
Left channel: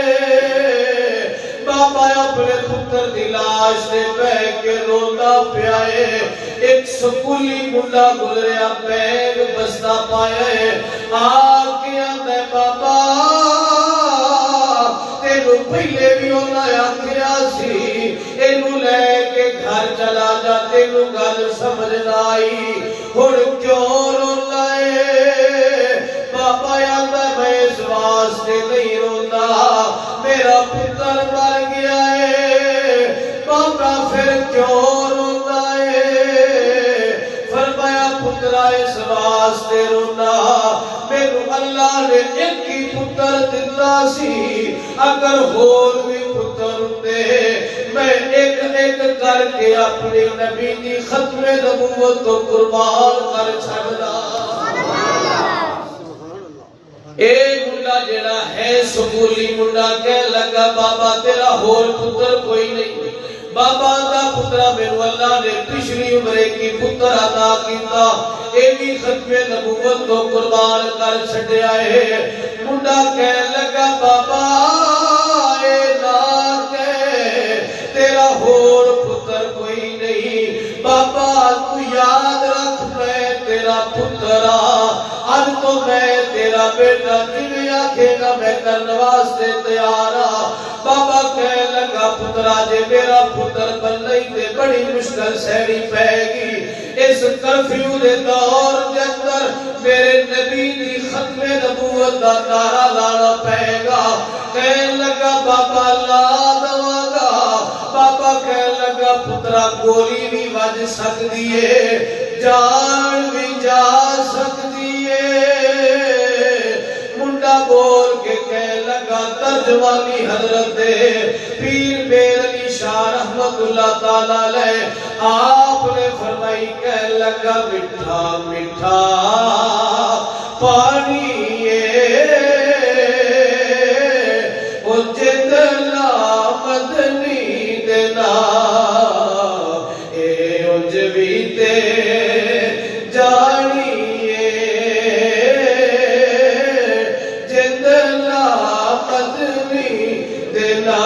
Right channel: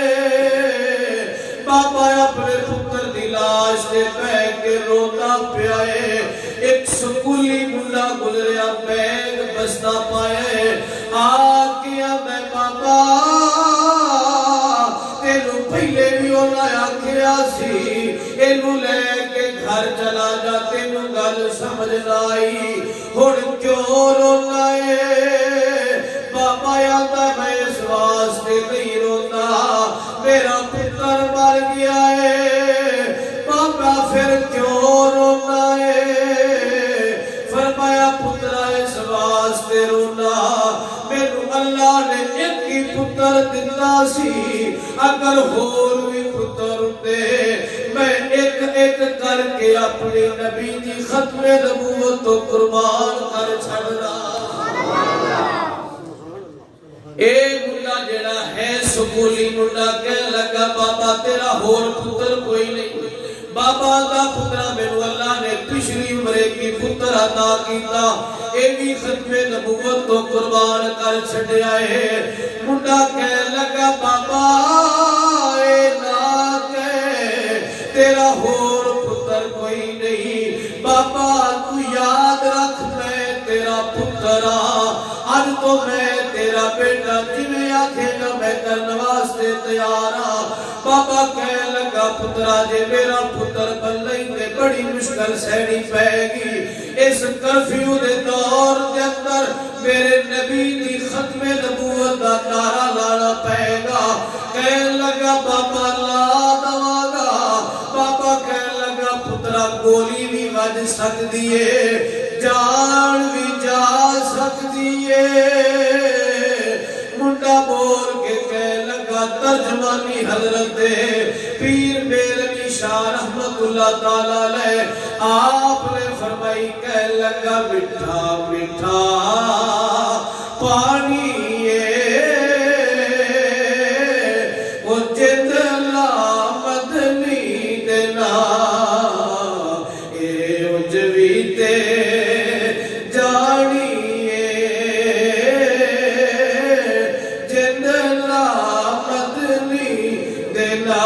بابا اپنے پتر دی لاش تے بیٹھ کے روتا پیا ہے ایک سکولی منڈا گزریا بیگ بستا پایا ہے آکیا میں بابا تینو پہلے بھی ہونا آکھیا سی اینو لے کے گھر چلا جا تینو گل سمجھ آئی ہن کیوں رونا ہے بابا آندا میں اس واسطے نہیں رونا میرا پتر مر گیا ہے بابا پھر کیوں رونا ہے فرمایا پترا اس واسطے رونا میرے اللہ نے ایک ہی پتر دتا سی اگر ہور بھی پتر ہوندے میں ایک ایک کر کے اپنی نبی دی ختم نبوت تو قربان کر چھڑنا اے منڈا جڑا ہے سکولی منڈا کہنے لگا بابا تیرا ہور پتر کوئی نہیں بابا دا پترا میرے اللہ نے پچھلی عمرے کی پتر عطا کیتا اے بھی ختم نبوت تو قربان کر چھڈیا ہے منڈا کہنے لگا بابا اے نہ کہ تیرا ہور پتر کوئی نہیں بابا تو یاد رکھ میں تیرا پترا تو میں تیرا بیٹا جویں آکھے گا میں کرنے واسطے تیار ہاں۔ بابا کہہ لگا پترا جے میرا پتر بلئی تے بڑی مشکل سہنی پائے گی، اس کرفیو دے دور دے اندر میرے نبی دی ختم نبوت دا نعرہ لانا پائے گا۔ کہہ لگا بابا لا دواں گا۔ بابا کہہ لگا پترا گولی بھی وج سکدی ہے، جان بھی جا سکدی ہے۔ منڈا بول کے کہہ لگا ترجمانی حضرت پیر میر علی شاہ رحمت اللہ تعالیٰ علیہ آپ نے فرمائی کہہ لگا مٹھا مٹھا پانی او جدلا مدنی دینا اے اجوی تے جانی جدلا مدنی دینا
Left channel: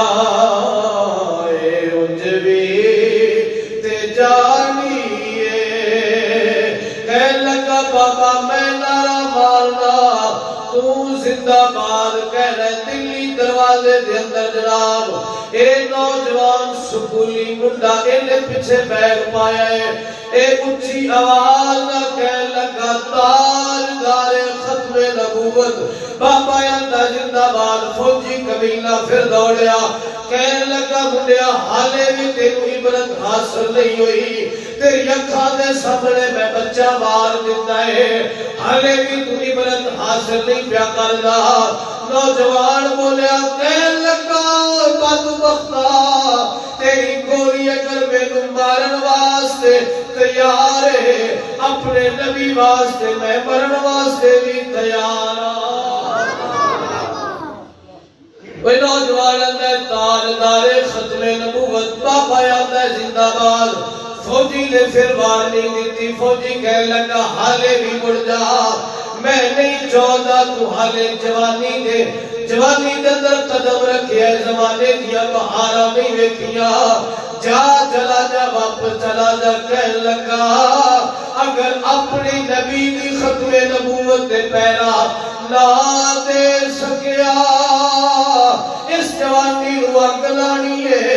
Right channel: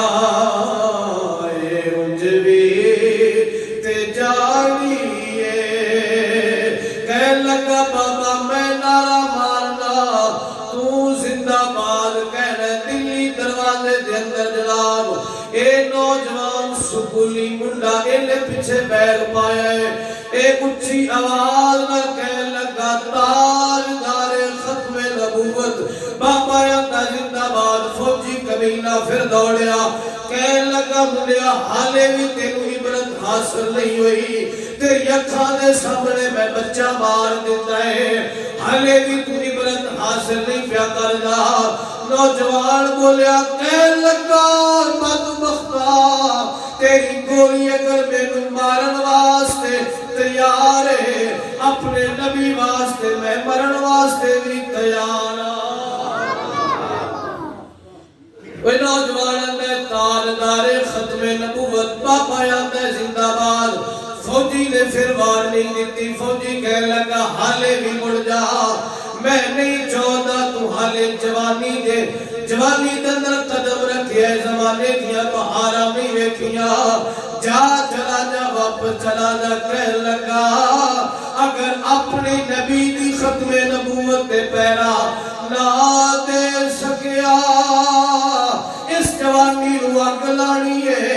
اے اجوی تے جانی کہہ لگا بابا میں نعرہ مارنا تو زندہ باد کہنا دلی دروازے دے اندر جناب اے نوجوان سکولی منڈا ایلے پیچھے بیگ پایا ہے، اے اچھی آواز نہ کہہ لگا تاجدار ختم نبوت بابا یاندہ زندہ باد فوجی کمینہ پھر دوڑیا کہہ لگا منڈیا حالے بھی تینو عبرت حاصل نہیں ہوئی، تیری اکھاں دے سامنے میں بچہ مار دیتا ہے، حالے بھی تو عبرت حاصل نہیں پیا کر جا۔ نوجوان بولیا کہہ لگا بدبختہ تیری گولی اگر میں مارن واسطے تیار ہے، اپنے نبی واسطے میں مرن واسطے بھی تیار ہاں۔ وہ نوجوان اندر تاجدار ختم نبوت بابا یاندہ زندہ باد فوجی نے پھر وارننگ دیتی، فوجی کہہ لگا حالے بھی مڑ جا، میں نہیں چاہتا تو حالے جوانی دے اندر قدم رکھے ہے، زمانے دیا بہارا نہیں ویکھیا، جا چلا جا واپس چلا جا۔ کہہ لگا اگر اپنی نبی دی ختم نبوت دے پیرا نہ دے سکیا اس جوانی رو اگ لانی ہے،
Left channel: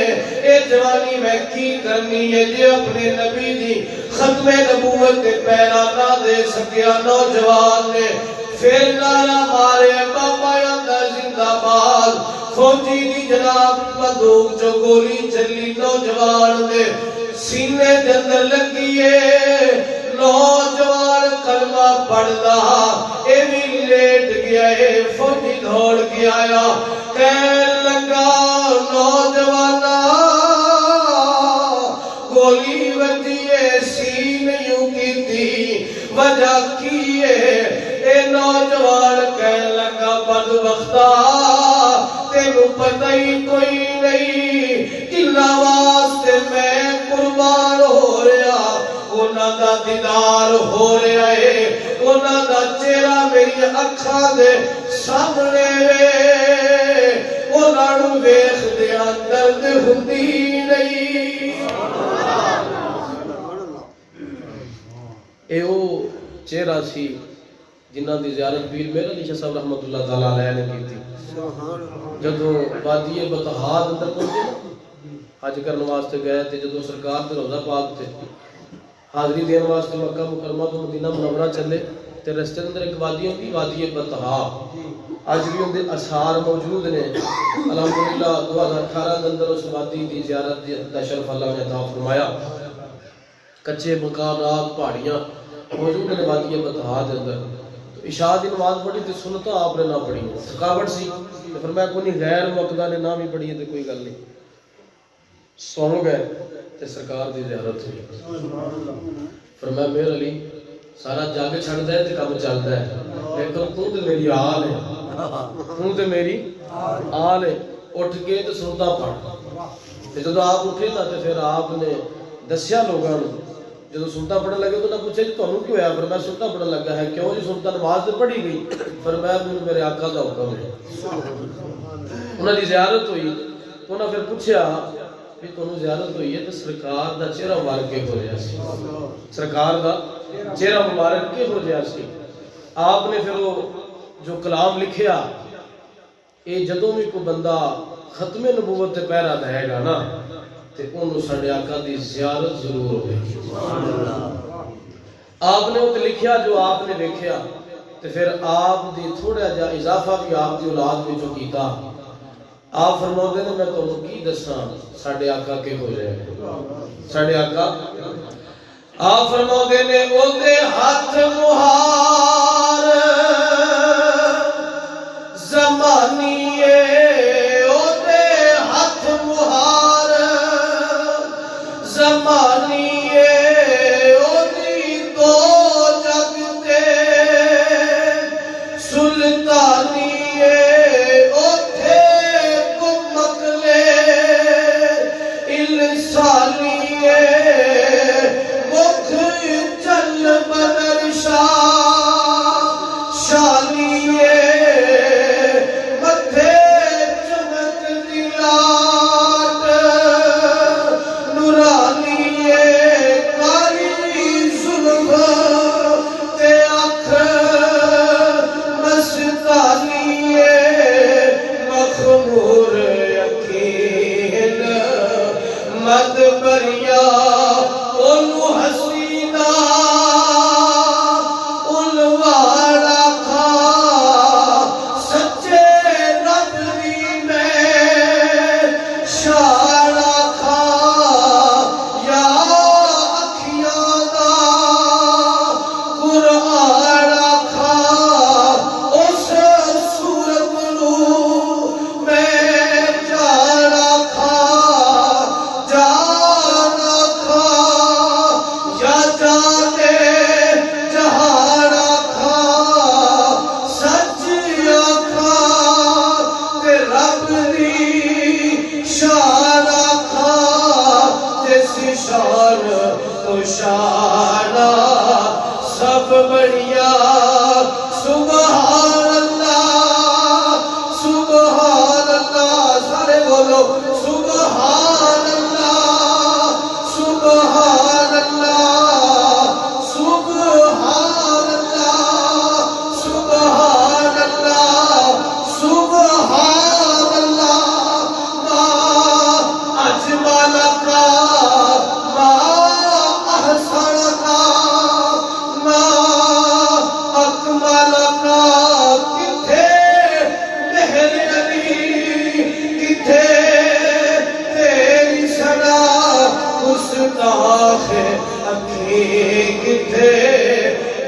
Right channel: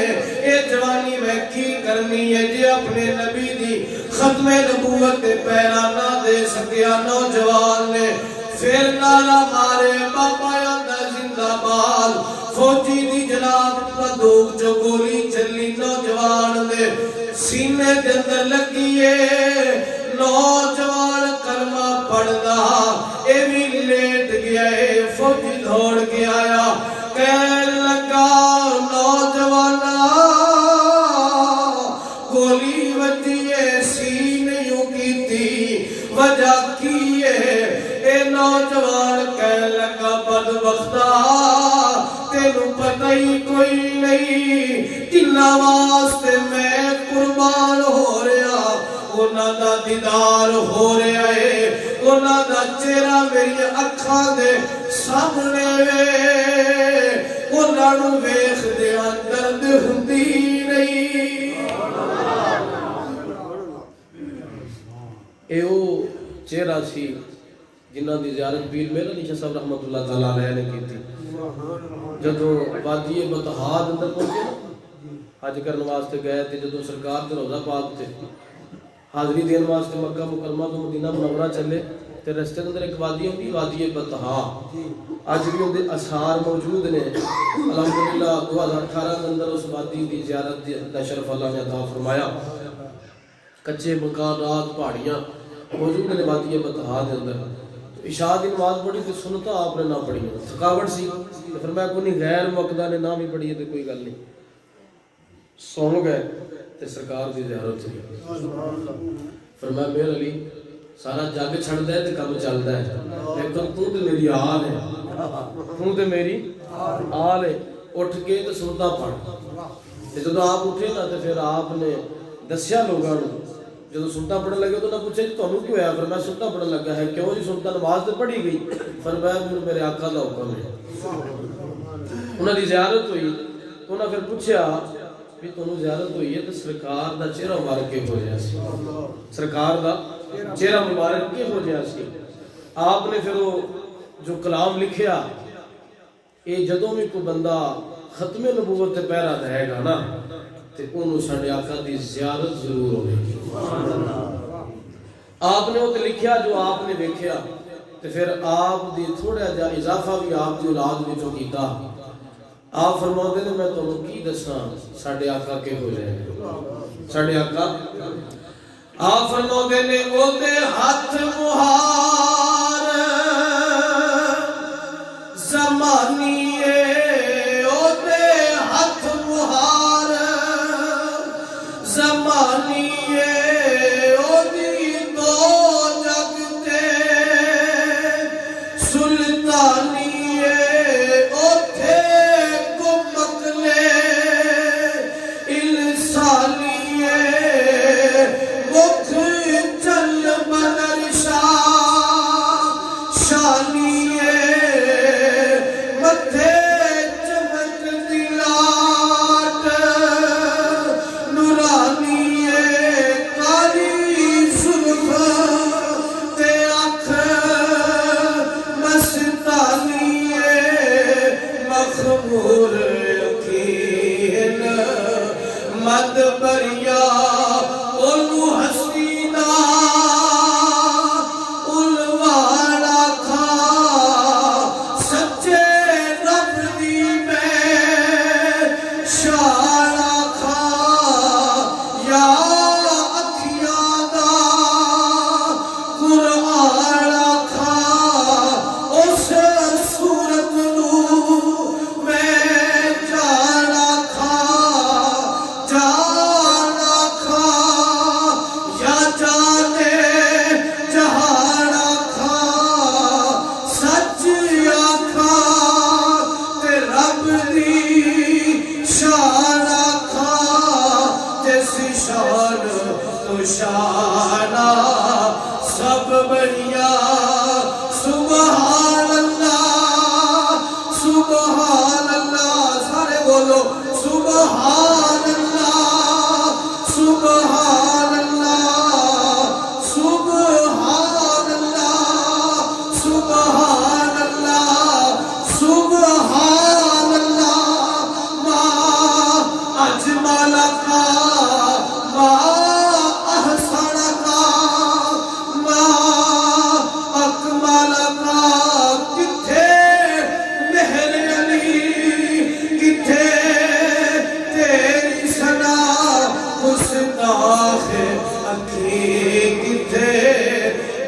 اے جوانی میں کی کرنی ہے جے اپنے نبی دی ختم نبوت دے پیرا نہ دے سکیا۔ نوجوان نے پھر نعرہ مارے بابا یاندہ زندہ باد، فوجی دی جناب بندوق جو گولی چلی نوجوان دے سینے دے اندر لگیے، نوجوان کلمہ پڑھدا اے بھی لیٹ گیا ہے، فوجی دھوڑ کے آیا کہہ لگا نوجوانا گولی وجیے سینیوں کی تھی وجہ کیے، اے نوجوان کہہ لگا بدبختہ تینو پتہ ہی کوئی نہیں جنہ واسطے میں قربان ہو رہا، انہاں دا دیدار ہو رہا ہے، انہاں دا چہرہ میری اکھاں دے سامنے انہاں نوں ویکھ دیا درد ہوندی نہیں۔ اے او چہرہ سی جنہاں دی زیارت پیر میر علی شاہ صاحب رحمت اللہ تعالیٰ علیہ نے کی تھی، جدو وادی بطحا اندر پہنچے نا حج کرنے واسطے گئے تھے، جدو سرکار دے روضہ پاک تھے حاضری دین واسطے مکہ مکرمہ تو مدینہ منورہ چلے تے رستے اندر ایک وادی ہوندی وادی بطحا، اج بھی اندے اثار موجود نے۔ الحمدللہ 2018 اندر اس وادی دی زیارت دا شرف اللہ نے عطا فرمایا، کچے مکانات پہاڑیاں موجود نے وادی بطحا دے اندر۔ تو عشاء دی نماز پڑھی تے سنتا آپ نے نہ پڑھی، تھکاوٹ سی تے فرمایا کوئی غیر مقدہ نے نہ بھی پڑھی تے کوئی گل نہیں، سو گئے تے سرکار دی زیارت ہوئی۔ فرمایا میر علی سارا جگ چھڑدا ہے تے کم چلدا ہے، لیکن تو تے میری آل ہے، تو تے میری آل ہے، اٹھ کے تے سنتا پڑھ۔ تے جدو آپ اٹھے نا تے پھر آپ نے دسیا لوگاں نوں، جدو سنتا پڑھن لگے تو نہ پوچھے جی تانوں کیوں ہویا؟ فرمایا سنتا پڑھن لگا ہے۔ کیوں جی؟ سنتا نماز تے پڑھی گئی۔ فرمایا مینوں میرے آقا دا حکم ہے۔ انہاں دی زیارت ہوئی، انہاں پھر پوچھیا بھی تانوں زیارت ہوئی ہے تے سرکار دا چہرہ مبارک کہو جہا سی، سرکار دا چہرہ مبارک کہو جہا سی؟ آپ نے پھر وہ جو کلام لکھیا، یہ جدوں بھی کوئی بندہ ختم نبوت تے پہرا دے گا نا تے انہوں ساڈے آقا دی زیارت ضرور ہوئے گی۔ آپ نے وہ لکھیا جو آپ نے دیکھیا، تے پھر آپ دی تھوڑا جا اضافہ بھی آپ دی اولاد میں جو کیتا۔ آپ فرماؤں نے میں تمہیں کی دساں ساڈے آقا کے ہو جائے ساڈے آقا۔ آپ فرماؤں نے او دے ہاتھ مہار زمانیے، او دے ہاتھ مہار زمانیے، او دی دو جگتے سلطانیے، او تھے کمک لے انسانیے، مکھ چل بدر شاہ شانیے، متھے چمک دلاٹ نورانیے، کاری زلف تے اکھ مستانیے، مخمور یقین مد بریا اولو حسینہ الوارا کھا سچے رب دی میں شارا کھا یا اکھیاں دا قرآن کھا اس صورت نو میں جانا کھا جانا کھا یا جانے جہانا کھا سچ آکھا تے رب دی شانا کھا جیسی شان تو شانہ سب بڑیا سبحان اللہ سبحان اللہ، سارے بولو سبحان اللہ سبحان اللہ سبحان اللہ سبحان اللہ سبحان اللہ، ما اجمل کا ما احسن کا ما اکمل کا، کتھے مہر علی کتھے تیری سنا گستاخ اکھی کتھے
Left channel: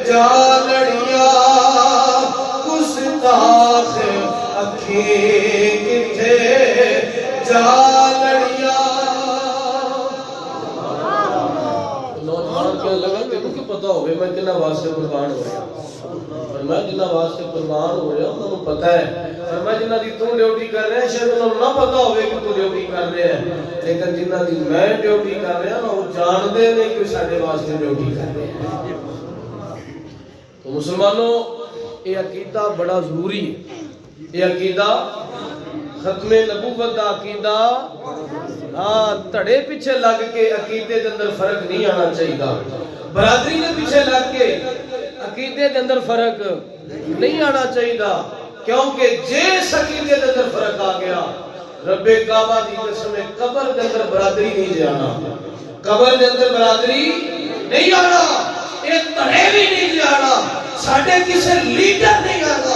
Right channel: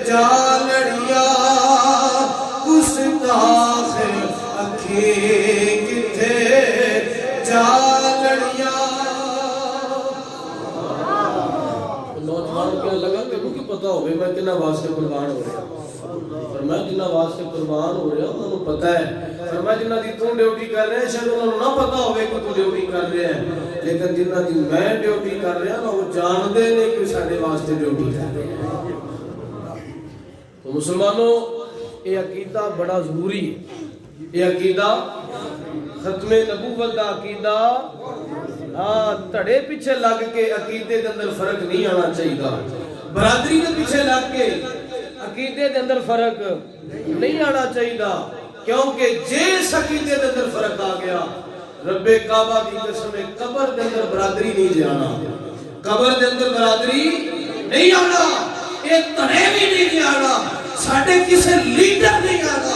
جالڑیا گستاخ اکھی کتھے جالڑیا۔ نوجوان کیا لگا تینوں کی پتہ ہوئے میں کنا واسطے قربان ہو رہا، فرمایا جنہ واسطے قربان ہو رہا انہوں نے پتہ ہے، فرمایا جنہ دی تو ڈیوٹی کر رہے ہیں شاید انہوں نے نہ پتہ ہوئے کہ تو ڈیوٹی کر رہے ہیں، لیکن جنہ دی میں ڈیوٹی کر رہا نا وہ جان دے نہیں کہ ساڑھے واسطے ڈیوٹی کر رہے ہیں۔ تو مسلمانوں یہ عقیدہ بڑا ضروری ہے، یہ عقیدہ ختم نبوت دا عقیدہ تڑے پیچھے لگ کے عقیدے دے اندر فرق نہیں آنا چاہیے، برادری دے پیچھے لگ کے عقیدے دے اندر فرق نہیں آنا چاہیے، کیونکہ جس عقیدے دے اندر فرق آ گیا رب کعبہ دی قسم قبر دے اندر برادری نہیں جانا، قبر دے اندر برادری نہیں آنا، ایک تڑے بھی نہیں جانا، ساڑھے کسے لیڈر نہیں آنا،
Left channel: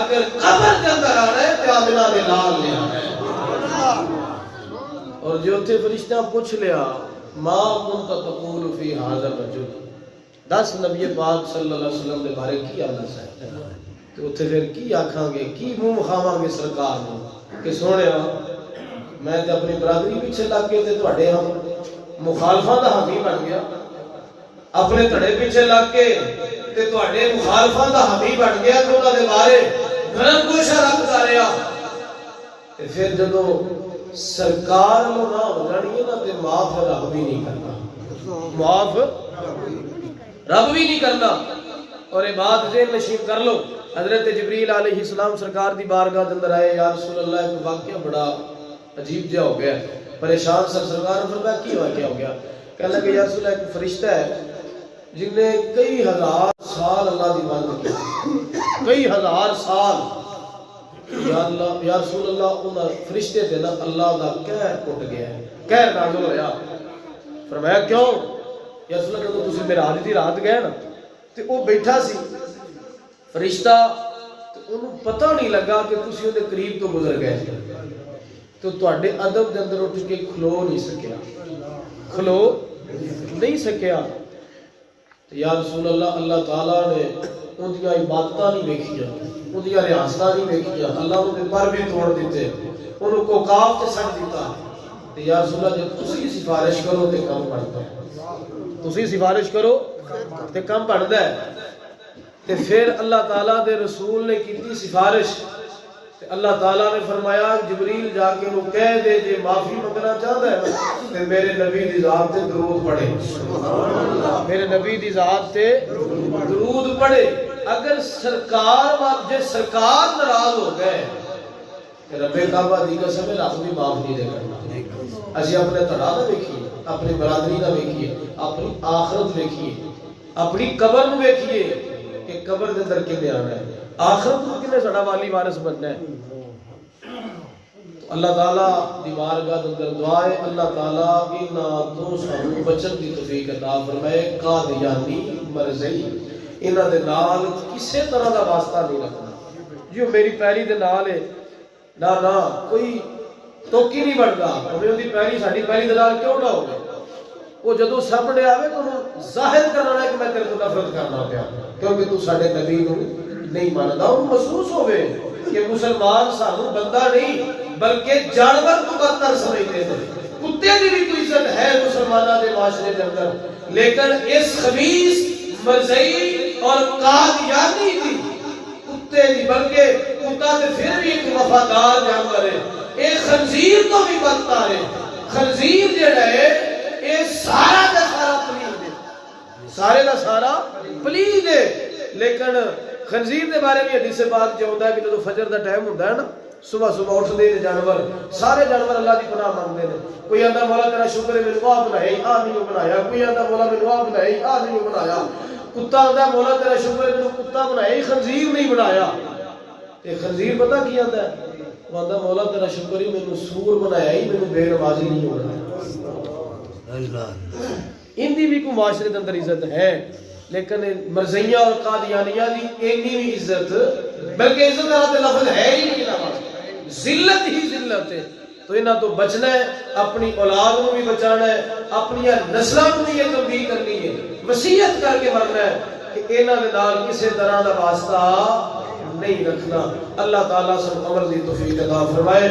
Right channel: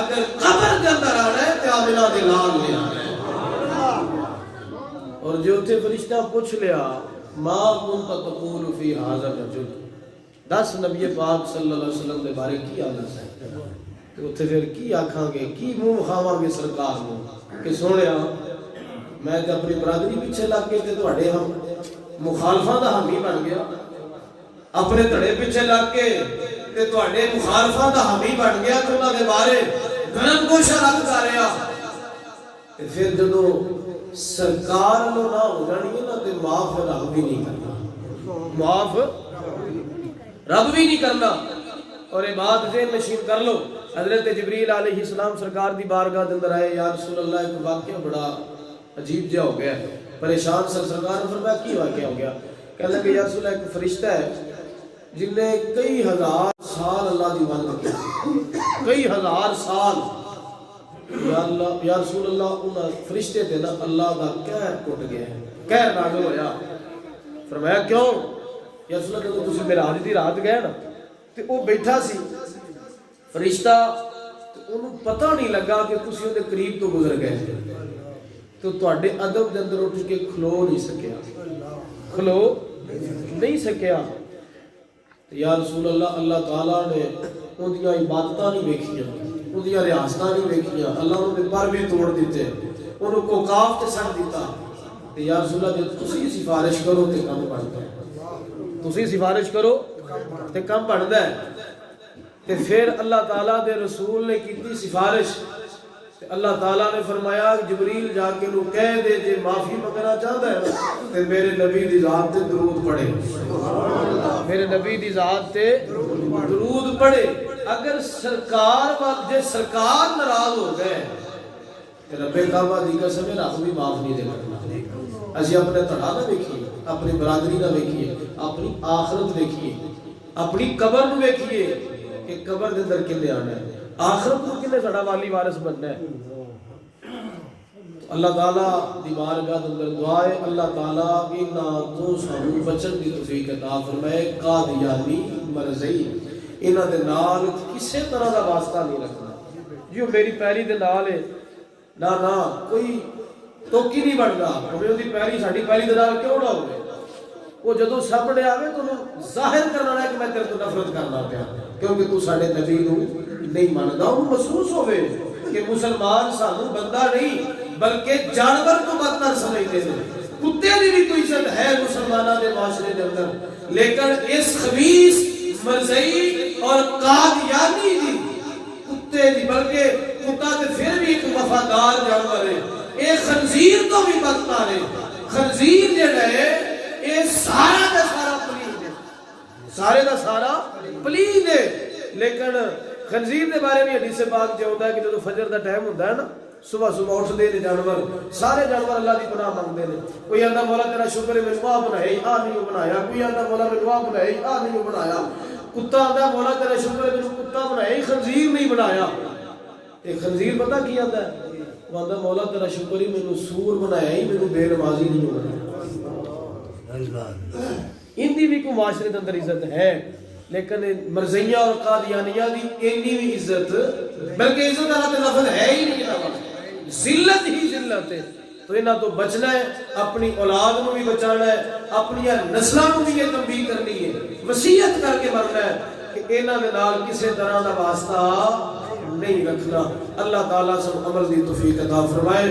اگر قبر دے اندر آنا ہے تو آمنہ دے لال نہیں آنا ہے۔ اور جو تھے فرشتہ پوچھ لیا ما کنت تقول فی ھذا الرجل، دس نبی پاک صلی اللہ علیہ وسلم دے بارے کی آنا ہے، تو اتھے پھر کی آکھاں گے کی منہ کھاواں گے سرکار نو کہ سونیا میں تے اپنی برادری پیچھے لگ کے تے تواڈے ہم مخالفاں دا حامی بن گیا، اپنے تڑے پیچھے لگ کے تے تواڈے مخالفاں دا حامی بن گیا تے انہاں دے بارے گرم گوشہ رکھدا رہیا، تے پھر جدوں سرکار نو نہ ہو جانی ہے نا تے معاف رب بھی نہیں کرنا، معاف رب بھی نہیں کرنا۔ اور یہ بات ذہن نشین کر لو، حضرت جبریل علیہ السلام سرکار دی بارگاہ دے اندر آئے، یا رسول اللہ ایک واقعہ بڑا عجیب جا ہو گیا، پریشان سرکار نے فرمایا کی واقعہ ہو گیا، کہنے لگے یا رسول اللہ ایک فرشتہ ہے جن نے کئی ہزار سال اللہ دی بند کی، کئی ہزار سال، یا اللہ یا رسول اللہ انہاں فرشتے دے نا اللہ دا قہر ٹوٹ گیا ہے، قہر نازل ہویا۔ فرمایا کیوں؟ یا رسول اللہ جدوں تسی معراج دی رات گئے نا تے او بیٹھا سی فرشتہ، تے انہوں پتہ نہیں لگا کہ تسی اون دے قریب تو گزر گئے تو تواڈے ادب دے اندر اٹھ کے کھلو نہیں سکیا، کھلو نہیں سکیا۔ یا رسول اللہ اللہ تعالیٰ نے ان دیاں عبادتاں نہیں ویکھیاں، ان دیاں ریاستاں نہیں ویکھیاں، اللہ انہوں نے پر بھی توڑ دیتے، انہوں کو کاف تے سٹ دیتا۔ یا رسول اللہ جب تسی سفارش کرو تے کم بڑھتا ہے، تسی سفارش کرو تے کم بڑھتا ہے۔ تے پھر اللہ تعالیٰ دے رسول نے کیتی سفارش، تے اللہ تعالیٰ نے فرمایا جبریل جا کے انہوں کہہ دے جے معافی منگنا چاہتا ہے نا تے میرے نبی دی ذات تے درود پڑھے، میرے نبی دی ذات تے درود پڑھے۔ اگر سرکار جے سرکار ناراض ہو گئے تے رب کعبہ دی قسم رب بھی معاف نہیں دے کرنا۔ اسی اپنے تڑا نہ ویکھیے، اپنی برادری نہ ویکھیے، اپنی آخرت ویکھیے، اپنی قبر نو ویکھیے کہ قبر دے اندر کنے آنا ہے، آخرت کو کنے سڑا والی وارث بننا ہے۔ اللہ تعالیٰ دی بارگاہ دے اندر دعا ہے اللہ تعالیٰ انہاں تو سانوں بچن دی توفیق عطا فرمائے۔ قادیانی مرزئی انہاں دے نال کسے طرح دا واسطہ نہیں رکھنا، جو میری پیری دے نال ہے نہ نہ کوئی توکی نہیں بنتا، ہمیں دی پیری ساڈی پیری دے نال کیوں نہ ہوے؟ وہ جدوں سامنے آوے تو ظاہر کرنا ہے کہ میں تیرے تو نفرت کرنا پیا کیونکہ تو ساڈے نبی نو نہیں ماندا۔ انہوں محسوس ہوئے کہ مسلمان سانو بندہ نہیں بلکہ جانور کو بدتر سمجھتے ہیں۔ کتے دی بھی کوئی عزت ہے مسلمانہ دے معاشرے دے اندر، لیکن اس خبیث مرزئی اور قادیانی دی کتے دی، بلکہ کتا تے پھر بھی ایک وفادار جانور ہے، ایک خنزیر تو بھی بدتر ہے۔ خنزیر جڑا ہے اے سارا دا سارا پلید ہے، سارے دا سارا پلید ہے، لیکن خنزیر دے بارے میں حدیث پاک جو ہوتا ہے کہ جب فجر دا ٹائم ہوتا ہے نا، صبح صبح اٹھ دے جانور، سارے جانور اللہ دی پناہ مانگتے ہیں۔ کوئی آندا مولا تیرا شکر ہے میں آ بنایا آ نہیں بنایا، کوئی آندا مولا میں آ بنایا آ نہیں بنایا، کتا آندا مولا تیرا شکر ہے میں کتا بنایا خنزیر نہیں بنایا۔ تے خنزیر پتہ کی آندا ہے؟ وہ آندا مولا تیرا شکر ہے میں سور بنایا ہی میں بے نمازی نہیں بنایا۔ ان دی بھی کوئی معاشرے کے اندر عزت ہے، لیکن مرزیہ اور قادیانیہ دی اینی بھی عزت، بلکہ عزت کا لفظ ہے ہی نہیں، ذلت ہی ذلت ہے۔ تو انہاں تو بچنا ہے، اپنی اولاد کو بھی بچانا ہے، اپنی نسلوں کو بھی یہ تنبیہ کرنی ہے، وصیت کر کے مرنا ہے کہ انہاں دے نال کسی طرح کا واسطہ نہیں رکھنا۔ اللہ تعالیٰ سب عمل دی توفیق عطا فرمائے۔